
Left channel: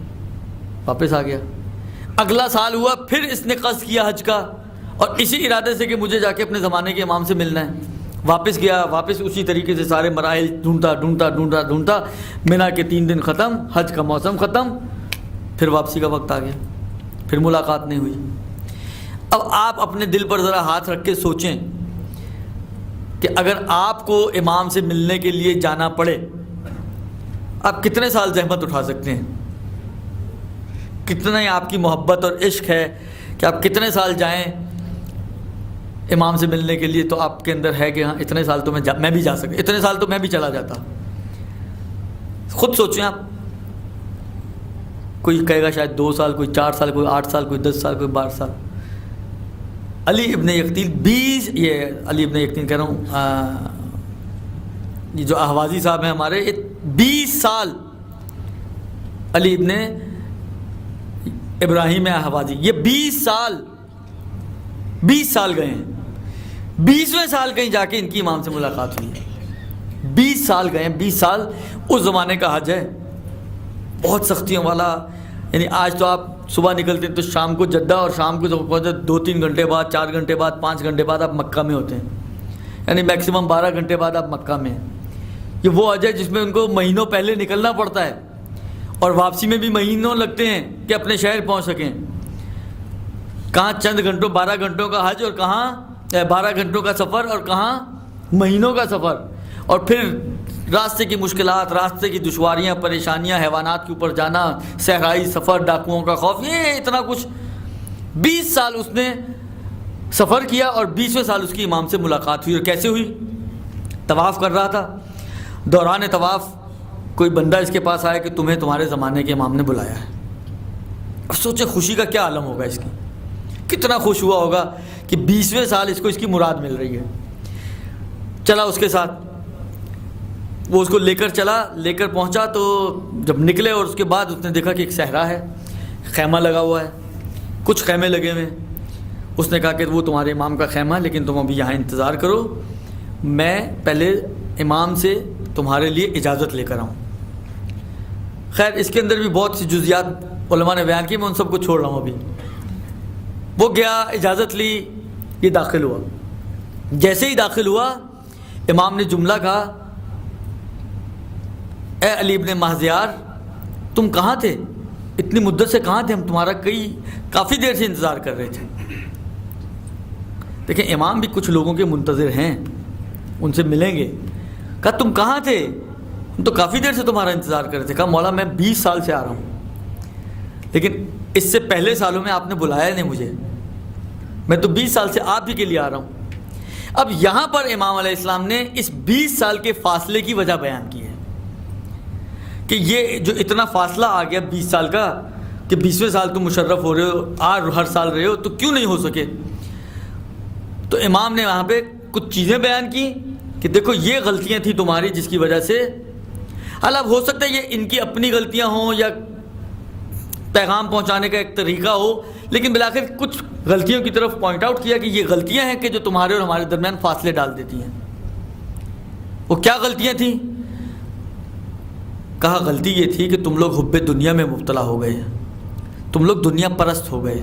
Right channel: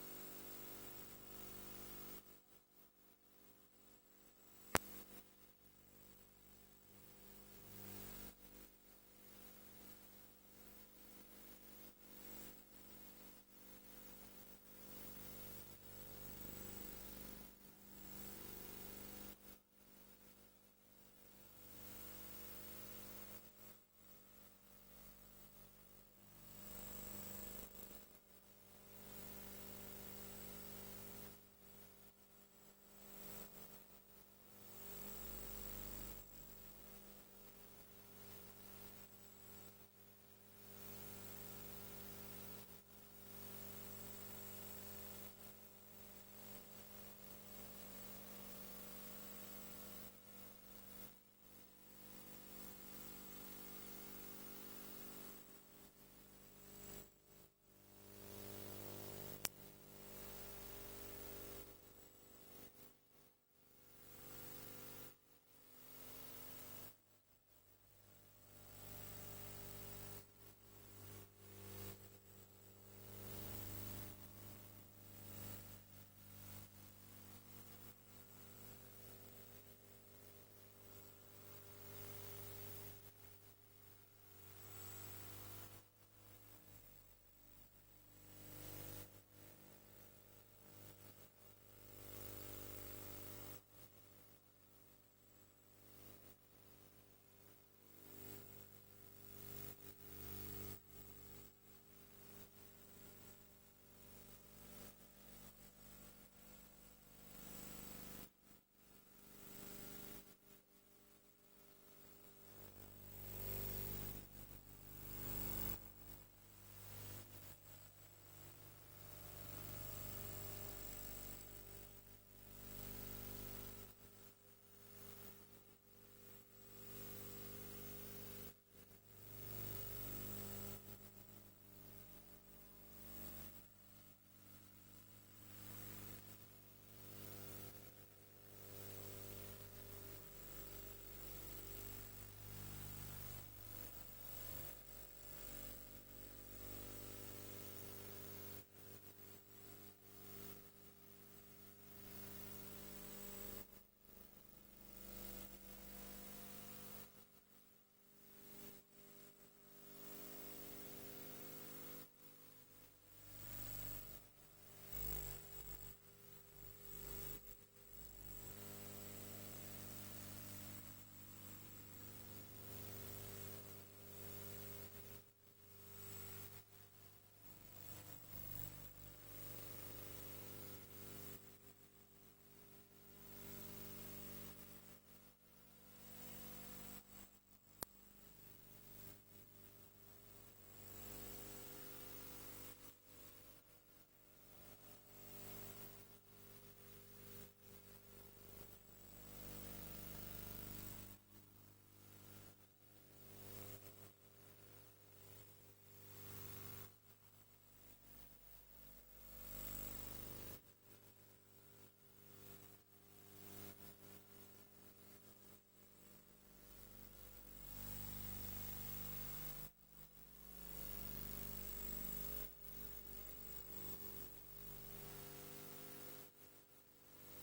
واپس آ گیا. اگلا سال ہوا, پھر اس نے قصد کیا حج کا, اور اسی ارادے سے کہ مجھے جا کے اپنے زمانے کے امام سے ملنا ہے. واپس گیا, واپس اسی طریقے سے سارے مراحل ڈھونڈتا منا کے 3 دن ختم, حج کا موسم ختم, پھر واپسی کا وقت آ گیا, پھر ملاقات نہیں ہوئی. اب آپ اپنے دل پر ذرا ہاتھ رکھ کے سوچیں کہ اگر آپ کو امام سے ملنے کے لیے جانا پڑے, آپ کتنے سال زحمت اٹھا سکتے ہیں؟ کتنا ہی آپ کی محبت اور عشق ہے کہ آپ کتنے سال جائیں امام سے ملنے کے لیے. تو آپ کے اندر ہے کہ ہاں اتنے سال تو میں بھی جا سکتا, اتنے سال تو میں بھی چلا جاتا. خود سوچیں آپ. کوئی کہے گا شاید 2 سال, کوئی 4 سال, کوئی 8 سال, کوئی 10 سال, کوئی 12 سال. علی ابن یقطین علی ابن یقطین کہہ رہا ہوں, یہ جو احوازی صاحب ہیں ہمارے, یہ 20 سال علی ابن ابراہیم احوازی, یہ 20 سال گئے ہیں. 20ویں سال کہیں جا کے ان کی امام سے ملاقات ہوئی ہے. 20 سال گئے ہیں, 20 سال اس زمانے کا حج ہے, بہت سختیوں والا. یعنی آج تو آپ صبح نکلتے ہیں تو شام کو جدہ, اور شام کو 2-3 گھنٹے بعد, 4 گھنٹے بعد, 5 گھنٹے بعد آپ مکہ میں ہوتے ہیں. یعنی میکسیمم 12 گھنٹے بعد آپ مکہ میں ہیں. یہ وہ حج ہے جس میں ان کو مہینوں پہلے نکلنا پڑتا ہے, اور واپسی میں بھی مہینوں لگتے ہیں کہ اپنے شہر پہنچ سکیں. کہاں چند گھنٹوں, 12 گھنٹوں کا حج, اور کہاں 12 گھنٹوں کا سفر, اور کہاں مہینوں کا سفر. اور پھر راستے کی مشکلات, راستے کی دشواریاں, پریشانیاں, حیوانات کے اوپر جانا, صحرائی سفر, ڈاکوؤں کا خوف, یہ اتنا کچھ. 20 سال اس نے سفر کیا, اور 20ویں سال اس کی امام سے ملاقات ہوئی. اور کیسے ہوئی؟ طواف کر رہا تھا, دوران طواف کوئی بندہ اس کے پاس آیا کہ تمہیں تمہارے زمانے کے امام نے بلایا ہے. اب سوچیں خوشی کا کیا عالم ہوگا اس کی, کتنا خوش ہوا ہوگا کہ 20ویں سال اس کو اس کی مراد مل رہی ہے. چلا اس کے ساتھ, وہ اس کو لے کر پہنچا. تو جب نکلے اور اس کے بعد اس نے دیکھا کہ ایک صحرا ہے, خیمہ لگا ہوا ہے, کچھ خیمے لگے ہوئے. اس نے کہا کہ وہ تمہارے امام کا خیمہ ہے, لیکن تم ابھی یہاں انتظار کرو, میں پہلے امام سے تمہارے لیے اجازت لے کر آؤں. خیر اس کے اندر بھی بہت سی جزیات علماء نے بیان کی, میں ان سب کو چھوڑ رہا ہوں ابھی. وہ گیا, اجازت لی, یہ داخل ہوا. جیسے ہی داخل ہوا, امام نے جملہ کہا, اے علی ابن مہذیار, تم کہاں تھے؟ اتنی مدت سے کہاں تھے؟ ہم تمہارا کافی دیر سے انتظار کر رہے تھے. دیکھیں امام بھی کچھ لوگوں کے منتظر ہیں, ان سے ملیں گے. کہا تم کہاں تھے؟ ہم تو کافی دیر سے تمہارا انتظار کر رہے تھے. کہا مولا میں 20 سال سے آ رہا ہوں, لیکن اس سے پہلے سالوں میں آپ نے بلایا نہیں مجھے, میں تو 20 سال سے آپ ہی کے لیے آ رہا ہوں. اب یہاں پر امام علیہ السلام نے اس 20 سال کے فاصلے کی وجہ بیان کی ہے کہ یہ جو اتنا فاصلہ آ گیا 20 سال کا, کہ 20ویں سال تم مشرف ہو رہے ہو, ہر سال رہے ہو, تو کیوں نہیں ہو سکے؟ تو امام نے وہاں پہ کچھ چیزیں بیان کی کہ دیکھو یہ غلطیاں تھیں تمہاری جس کی وجہ سے, حالانکہ ہو سکتا ہے یہ ان کی اپنی غلطیاں ہوں یا پیغام پہنچانے کا ایک طریقہ ہو, لیکن بالآخر کچھ غلطیوں کی طرف پوائنٹ آؤٹ کیا کہ یہ غلطیاں ہیں کہ جو تمہارے اور ہمارے درمیان فاصلے ڈال دیتی ہیں. وہ کیا غلطیاں تھیں؟ کہا غلطی یہ تھی کہ تم لوگ حب دنیا میں مبتلا ہو گئے, تم لوگ دنیا پرست ہو گئے.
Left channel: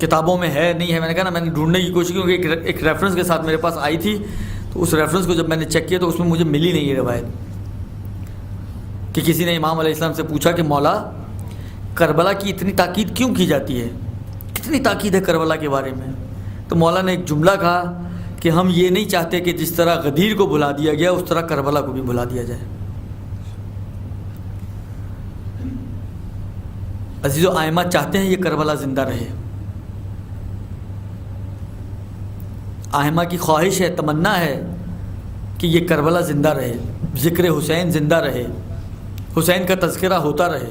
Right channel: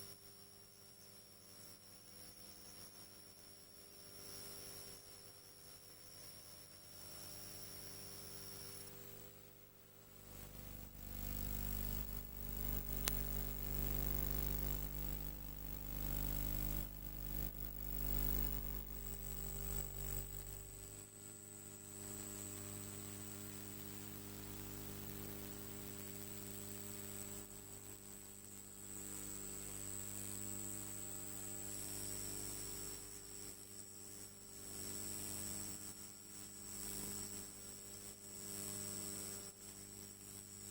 کتابوں میں ہے نہیں ہے، میں نے کہا نا میں نے ڈھونڈنے کی کوشش کی کیونکہ ایک ریفرنس کے ساتھ میرے پاس آئی تھی، تو اس ریفرنس کو جب میں نے چیک کیا تو اس میں مجھے ملی نہیں یہ روایت کہ کسی نے امام علیہ السلام سے پوچھا کہ مولا کربلا کی اتنی تاکید کیوں کی جاتی ہے، کتنی تاکید ہے کربلا کے بارے میں؟ تو مولا نے ایک جملہ کہا کہ ہم یہ نہیں چاہتے کہ جس طرح غدیر کو بھلا دیا گیا اس طرح کربلا کو بھی بھلا دیا جائے۔ عزیز و آئمہ چاہتے ہیں یہ کربلا زندہ رہے، آئمہ کی خواہش ہے، تمنا ہے کہ یہ کربلا زندہ رہے، ذکر حسین زندہ رہے، حسین کا تذکرہ ہوتا رہے۔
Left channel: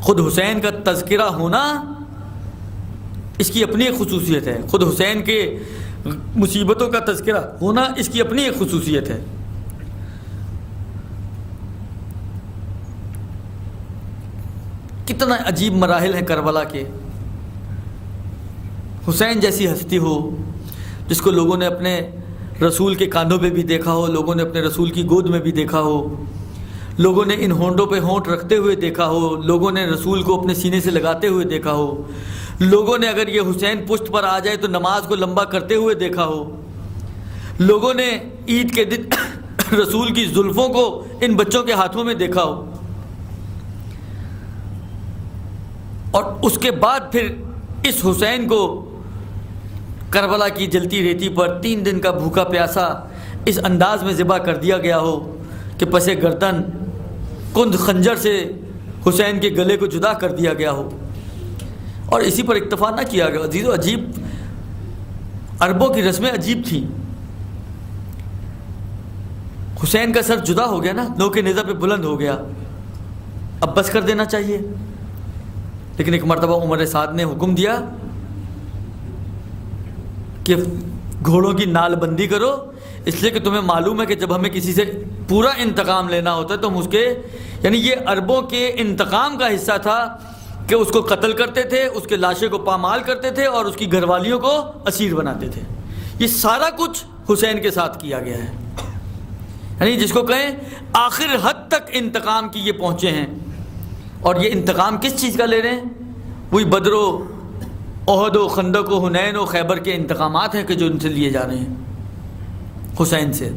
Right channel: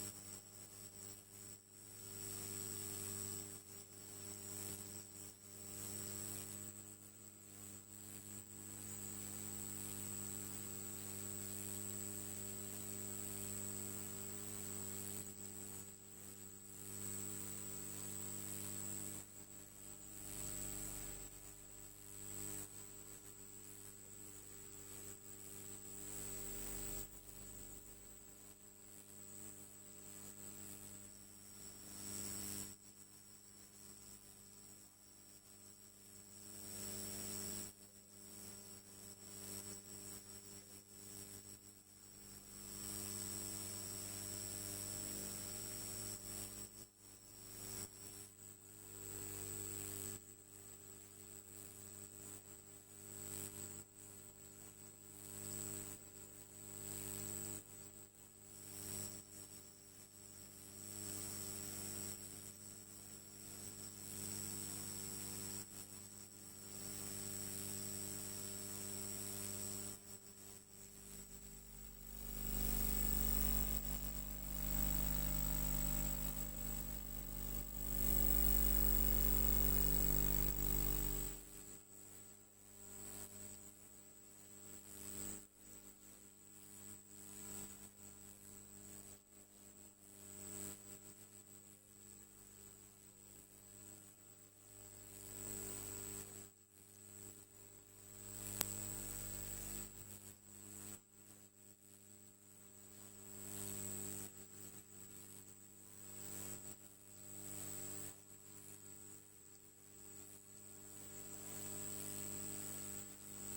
خود حسین کا تذکرہ ہونا اس کی اپنی ایک خصوصیت ہے، خود حسین کے مصیبتوں کا تذکرہ ہونا اس کی اپنی ایک خصوصیت ہے۔ کتنا عجیب مراحل ہیں کربلا کے۔ حسین جیسی ہستی ہو جس کو لوگوں نے اپنے رسول کے کاندھوں پہ بھی دیکھا ہو، لوگوں نے اپنے رسول کی گود میں بھی دیکھا ہو، لوگوں نے ان ہونٹوں پہ ہونٹ رکھتے ہوئے دیکھا ہو، لوگوں نے رسول کو اپنے سینے سے لگاتے ہوئے دیکھا ہو، لوگوں نے اگر یہ حسین پشت پر آ جائے تو نماز کو لمبا کرتے ہوئے دیکھا ہو، لوگوں نے عید کے دن رسول کی زلفوں کو ان بچوں کے ہاتھوں میں دیکھا ہو، اور اس کے بعد پھر اس حسین کو کربلا کی جلتی ریتی پر 3 دن کا بھوکا پیاسا اس انداز میں ذبح کر دیا گیا ہو کہ پس گردن کند خنجر سے حسین کے گلے کو جدا کر دیا گیا ہو، اور اسی پر اکتفا نہ کیا گیا۔ عزیز و عجیب عربوں کی رسمیں عجیب تھیں۔ حسین کا سر جدا ہو گیا نا، نوک نیزہ پہ بلند ہو گیا، اب بس کر دینا چاہیے، لیکن ایک مرتبہ عمر سعد نے حکم دیا کہ گھوڑوں کی نال بندی کرو، اس لیے کہ تمہیں معلوم ہے کہ جب ہمیں کسی سے پورا انتقام لینا ہوتا ہے تو ہم اس کے، یعنی یہ عربوں کے انتقام کا حصہ تھا کہ اس کو قتل کرتے تھے، اس کے لاشے کو پامال کرتے تھے اور اس کی گھر والیوں کو اسیر بناتے تھے۔ یہ سارا کچھ حسین کے ساتھ کیا گیا ہے، یعنی جس کو کہیں آخر حد تک انتقام کی یہ پہنچے ہیں۔ اور یہ انتقام کس چیز کا لے رہے ہیں؟ وہی بدر و احد و خندق و حنین و خیبر کے انتقامات ہیں کہ جو ان سے لیے جا رہے ہیں حسین سے۔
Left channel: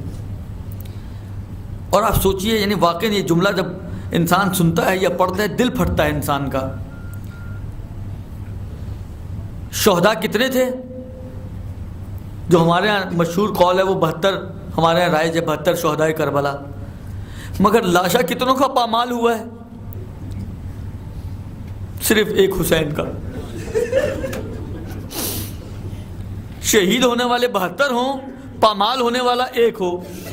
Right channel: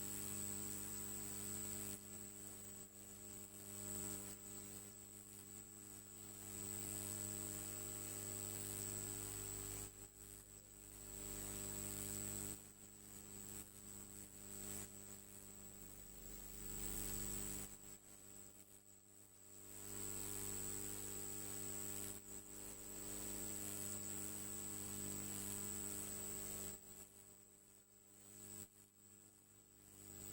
اور آپ سوچئے، یعنی واقعی یہ جملہ جب انسان سنتا ہے یا پڑھتا ہے دل پھٹتا ہے انسان کا۔ شہداء کتنے تھے؟ جو ہمارے ہاں مشہور قول ہے وہ 72، ہمارے یہاں رائج ہے 72 شہداء کربلا، مگر لاشا کتنوں کا پامال ہوا ہے؟ صرف ایک حسین کا۔ شہید ہونے والے 72 ہوں، پامال ہونے والا ایک ہو،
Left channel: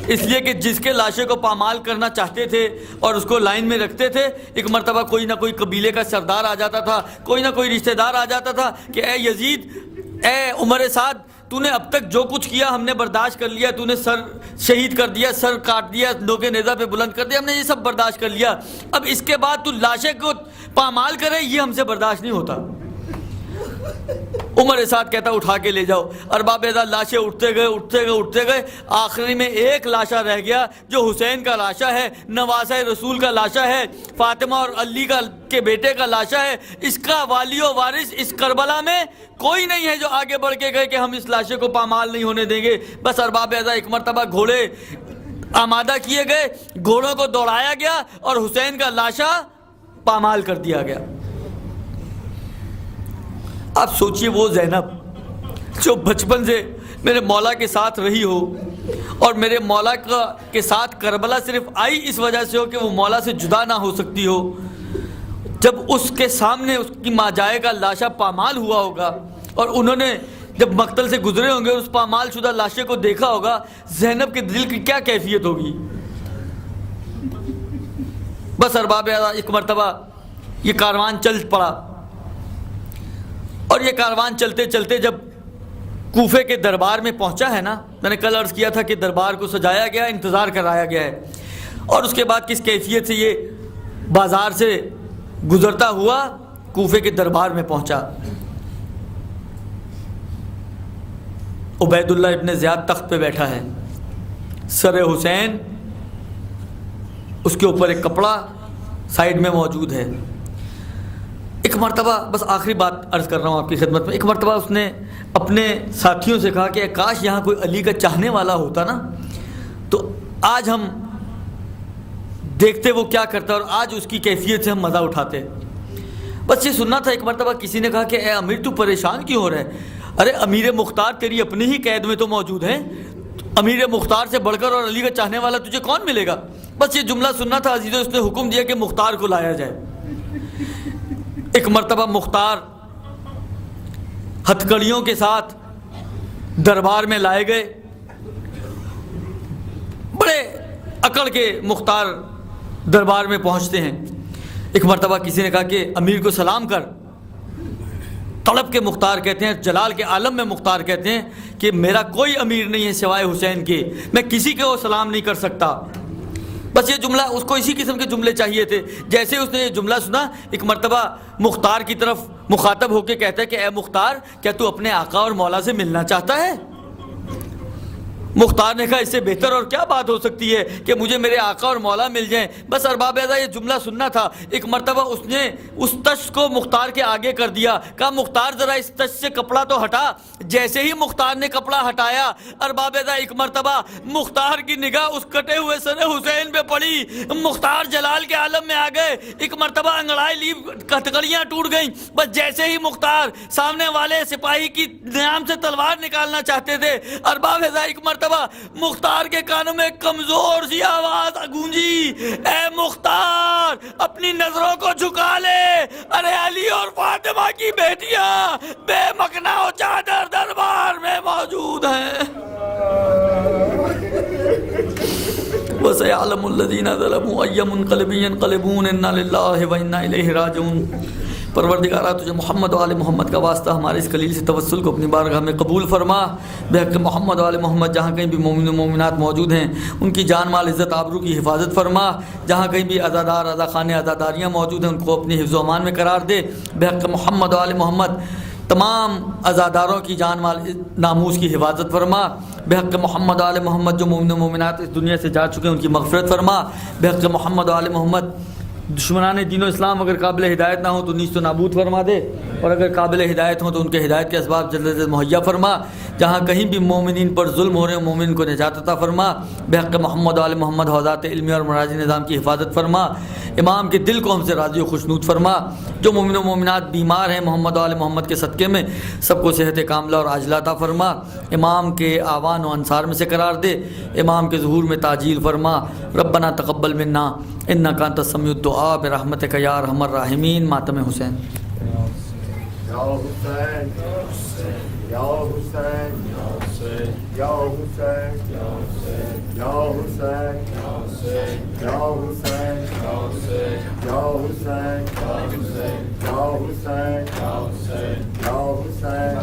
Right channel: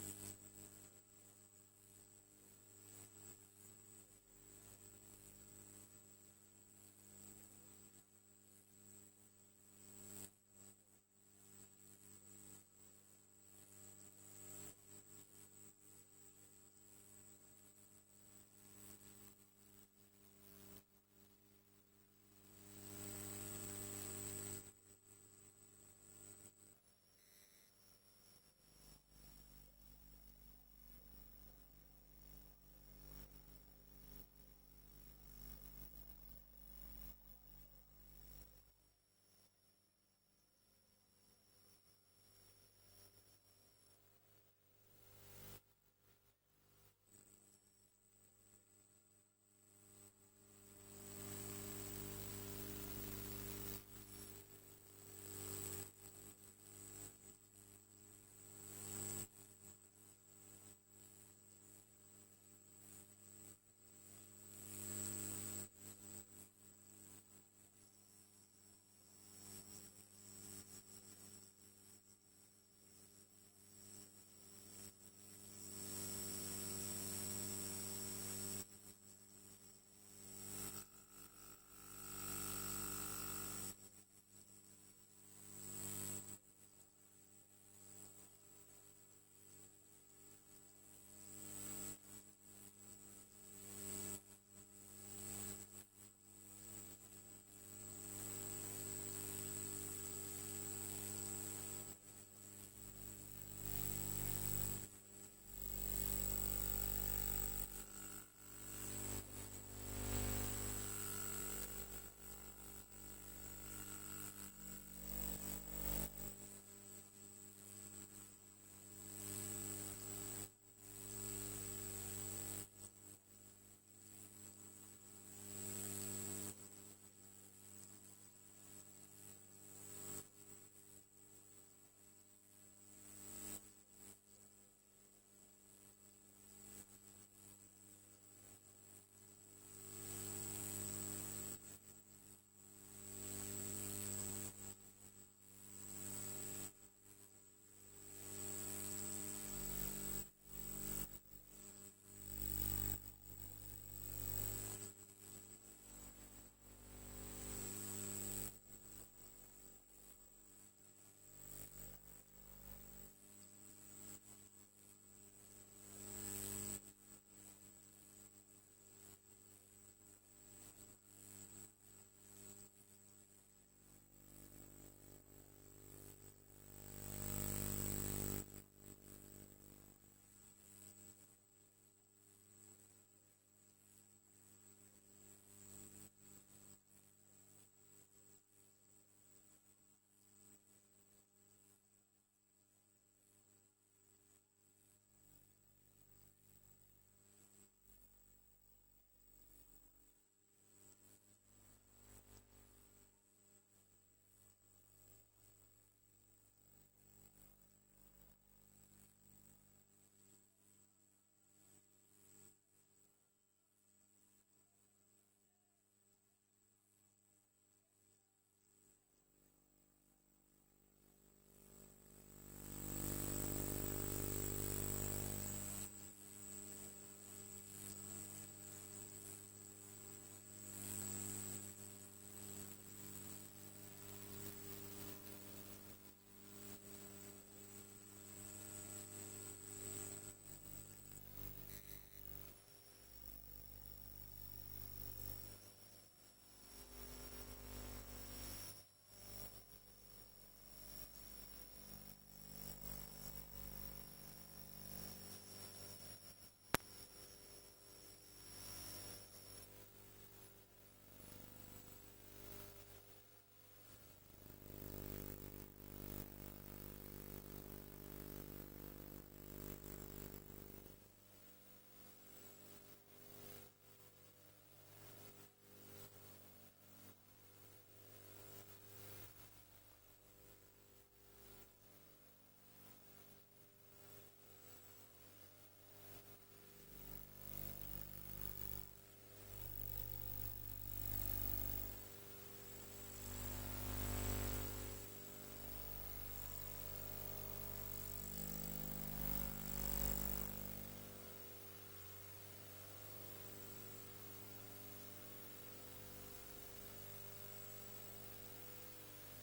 اس لیے کہ جس کے لاشے کو پامال کرنا چاہتے تھے اور اس کو لائن میں رکھتے تھے، ایک مرتبہ کوئی نہ کوئی قبیلے کا سردار آ جاتا تھا، کوئی نہ کوئی رشتہ دار آ جاتا تھا کہ اے یزید، اے عمر سعد، تو نے اب تک جو کچھ کیا ہم نے برداشت کر لیا، تو نے سر شہید کر دیا، سر کاٹ دیا، نوک نیزہ پہ بلند کر دیا، ہم نے یہ سب برداشت کر لیا، اب اس کے بعد تو لاشے کو پامال کرے، یہ ہم سے برداشت نہیں ہوتا۔ عمر سعد کہتا اٹھا کے لے جاؤ۔ ارباب اعزاز لاشیں اٹھتے گئے، آخری میں ایک لاشا رہ گیا جو حسین کا لاشا ہے، نواسہ رسول کا لاشا ہے، فاطمہ اور علی کے بیٹے کا لاشا ہے۔ اس کا والی و وارث اس کربلا میں کوئی نہیں ہے جو آگے بڑھ کے گئے کہ ہم اس لاشے کو پامال نہیں ہونے دیں گے۔ بس ارباب اعزاز ایک مرتبہ گھوڑے آمادہ کیے گئے، گھوڑوں کو دوڑایا گیا اور حسین کا لاشا پامال کر دیا گیا۔ آپ سوچئے وہ زینب جو بچپن سے میرے مولا کے ساتھ رہی ہو اور میرے مولا کے ساتھ کربلا صرف آئی اس وجہ سے ہو کہ وہ مولا سے جدا نہ ہو سکتی ہو، جب اس کے سامنے اس کی ماجائے کا لاشا پامال ہوا ہوگا اور انہوں نے جب مقتل سے گزرے ہوں گے اس پامال شدہ لاشے کو دیکھا ہوگا، زینب کے دل کی کیا کیفیت ہوگی؟ بس ارباب ایک مرتبہ یہ کاروان چل پڑا، اور یہ کاروان چلتے چلتے جب کوفے کے دربار میں پہنچا ہے نا، میں نے کل عرض کیا تھا کہ دربار کو سجایا گیا، انتظار کرایا گیا ہے، اور اس کے بعد کس کیفیت سے یہ بازار سے گزرتا ہوا کوفے کے دربار میں پہنچا۔ عبید اللہ ابن زیاد تخت پہ بیٹھا ہے، سر حسین اس کے اوپر ایک کپڑا سائیڈ میں موجود ہے، ایک مرتبہ بس آخری بات عرض کر رہا ہوں آپ کی خدمت میں، ایک مرتبہ اس نے اپنے ساتھیوں سے کہا کہ کاش یہاں کوئی علی کا چاہنے والا ہوتا نا، تو آج ہم دیکھتے وہ کیا کرتا اور آج اس کی کیفیت سے ہم مزہ اٹھاتے۔ بس یہ سننا تھا۔ ایک مرتبہ کسی نے کہا کہ اے امیر تو پریشان کیوں ہو رہا ہے؟ ارے امیر مختار تیری اپنی ہی قید میں تو موجود ہیں، امیر مختار سے بڑھ کر اور علی کا چاہنے والا تجھے کون ملے گا؟ بس یہ جملہ سننا تھا عزیزو۔ اس نے حکم دیا کہ مختار کو لایا جائے۔ ایک مرتبہ مختار ہتھکڑیوں کے ساتھ دربار میں لائے گئے، بڑے اکڑ کے مختار دربار میں پہنچتے ہیں۔ ایک مرتبہ کسی نے کہا کہ امیر کو سلام کر۔ طلب کے مختار کہتے ہیں، جلال کے عالم میں مختار کہتے ہیں کہ میرا کوئی امیر نہیں ہے سوائے حسین کے، میں کسی کو سلام نہیں کر سکتا۔ بس یہ جملہ اس کو اسی قسم کے جملے چاہیے تھے۔ جیسے اس نے یہ جملہ سنا، ایک مرتبہ مختار کی طرف مخاطب ہو کے کہتا ہے کہ اے مختار، کیا تو اپنے آقا اور مولا سے ملنا چاہتا ہے؟ مختار نے کہا اس سے بہتر اور کیا بات ہو سکتی ہے کہ مجھے میرے آقا اور مولا مل جائیں۔ بس ارباب اعضاء یہ جملہ سننا تھا۔ ایک مرتبہ اس نے اس تشت کو مختار کے آگے کر دیا، کہا مختار ذرا اس تشت سے کپڑا تو ہٹا۔ جیسے ہی مختار نے کپڑا ہٹایا، ارباب اعضاء ایک مرتبہ مختار کی نگاہ اس کٹے ہوئے سر حسین پہ پڑی۔ مختار جلال کے عالم میں آ گئے۔ ایک مرتبہ انگڑائی لی، ہتھکڑیاں ٹوٹ گئیں۔ بس جیسے ہی مختار سامنے والے سپاہی کی نیام سے تلوار نکالنا چاہتے تھے، ارباب اعضاء ایک مرتبہ مختار کے کانوں میں کمزور سی آواز گونجی، اے مختار اپنی نظروں کو جھکا لے، ارے علی اور فاطمہ کی بیٹیاں بے مکنا و چادر دربار میں موجود ہیں۔ وَسَيَعْلَمُ الَّذِينَ ظَلَمُوا أَيَّ مُنقَلِبٍ يَنقَلِبُونَ إِنَّا لِلَّهِ وَإِنَّا إِلَيْهِ رَاجِعُونَ۔ پروردگارہ تجھے محمد و آل محمد کا واسطہ ہمارے اس خلیل سے توسل کو اپنی بارگاہ میں قبول فرما۔ بحق محمد و آل محمد جہاں کہیں بھی مومن و مومنات موجود ہیں ان کی جان مال عزت آبرو کی حفاظت فرما۔ جہاں کہیں بھی عزادار عزاخانے عزاداریاں موجود ہیں ان کو اپنی حفظ و امان میں قرار دے۔ بحق محمد و آل محمد تمام عزاداروں کی جان مال ناموس کی حفاظت فرما۔ بحق محمد و آل محمد جو مومن و مومنات اس دنیا سے جا چکے ہیں ان کی مغفرت فرما۔ بحق محمد و آل محمد دشمنان دین و اسلام اگر قابل ہدایت نہ ہوں تو نیست و نابود فرما دے، اور اگر قابل ہدایت ہوں تو ان کے ہدایت کے اسباب جلد از جلد مہیا فرما۔ جہاں کہیں بھی مومنین پر ظلم ہو رہے ہیں مومن کو نجات عطا فرما۔ بحق محمد و آل محمد حوزات علمی اور مراجع نظام کی حفاظت فرما۔ امام کے دل کو ہم سے راضی و خوشنود فرما۔ جو مومن و مومنات بیمار ہیں محمد و آل محمد کے صدقے میں سب کو صحت کاملہ اور عاجلہ عطا فرما۔ امام کے آوان و انصار میں سے قرار دے۔ امام کے ظہور میں تعجیل فرما۔ ربنا تقبل منا انک انت السمیع الدعاء برحمتک یا ارحم الراحمین۔ ماتم حسین۔ یا حسین یا حسین یا حسین یا حسین یا حسین یا حسین یا حسین یا حسین یا حسین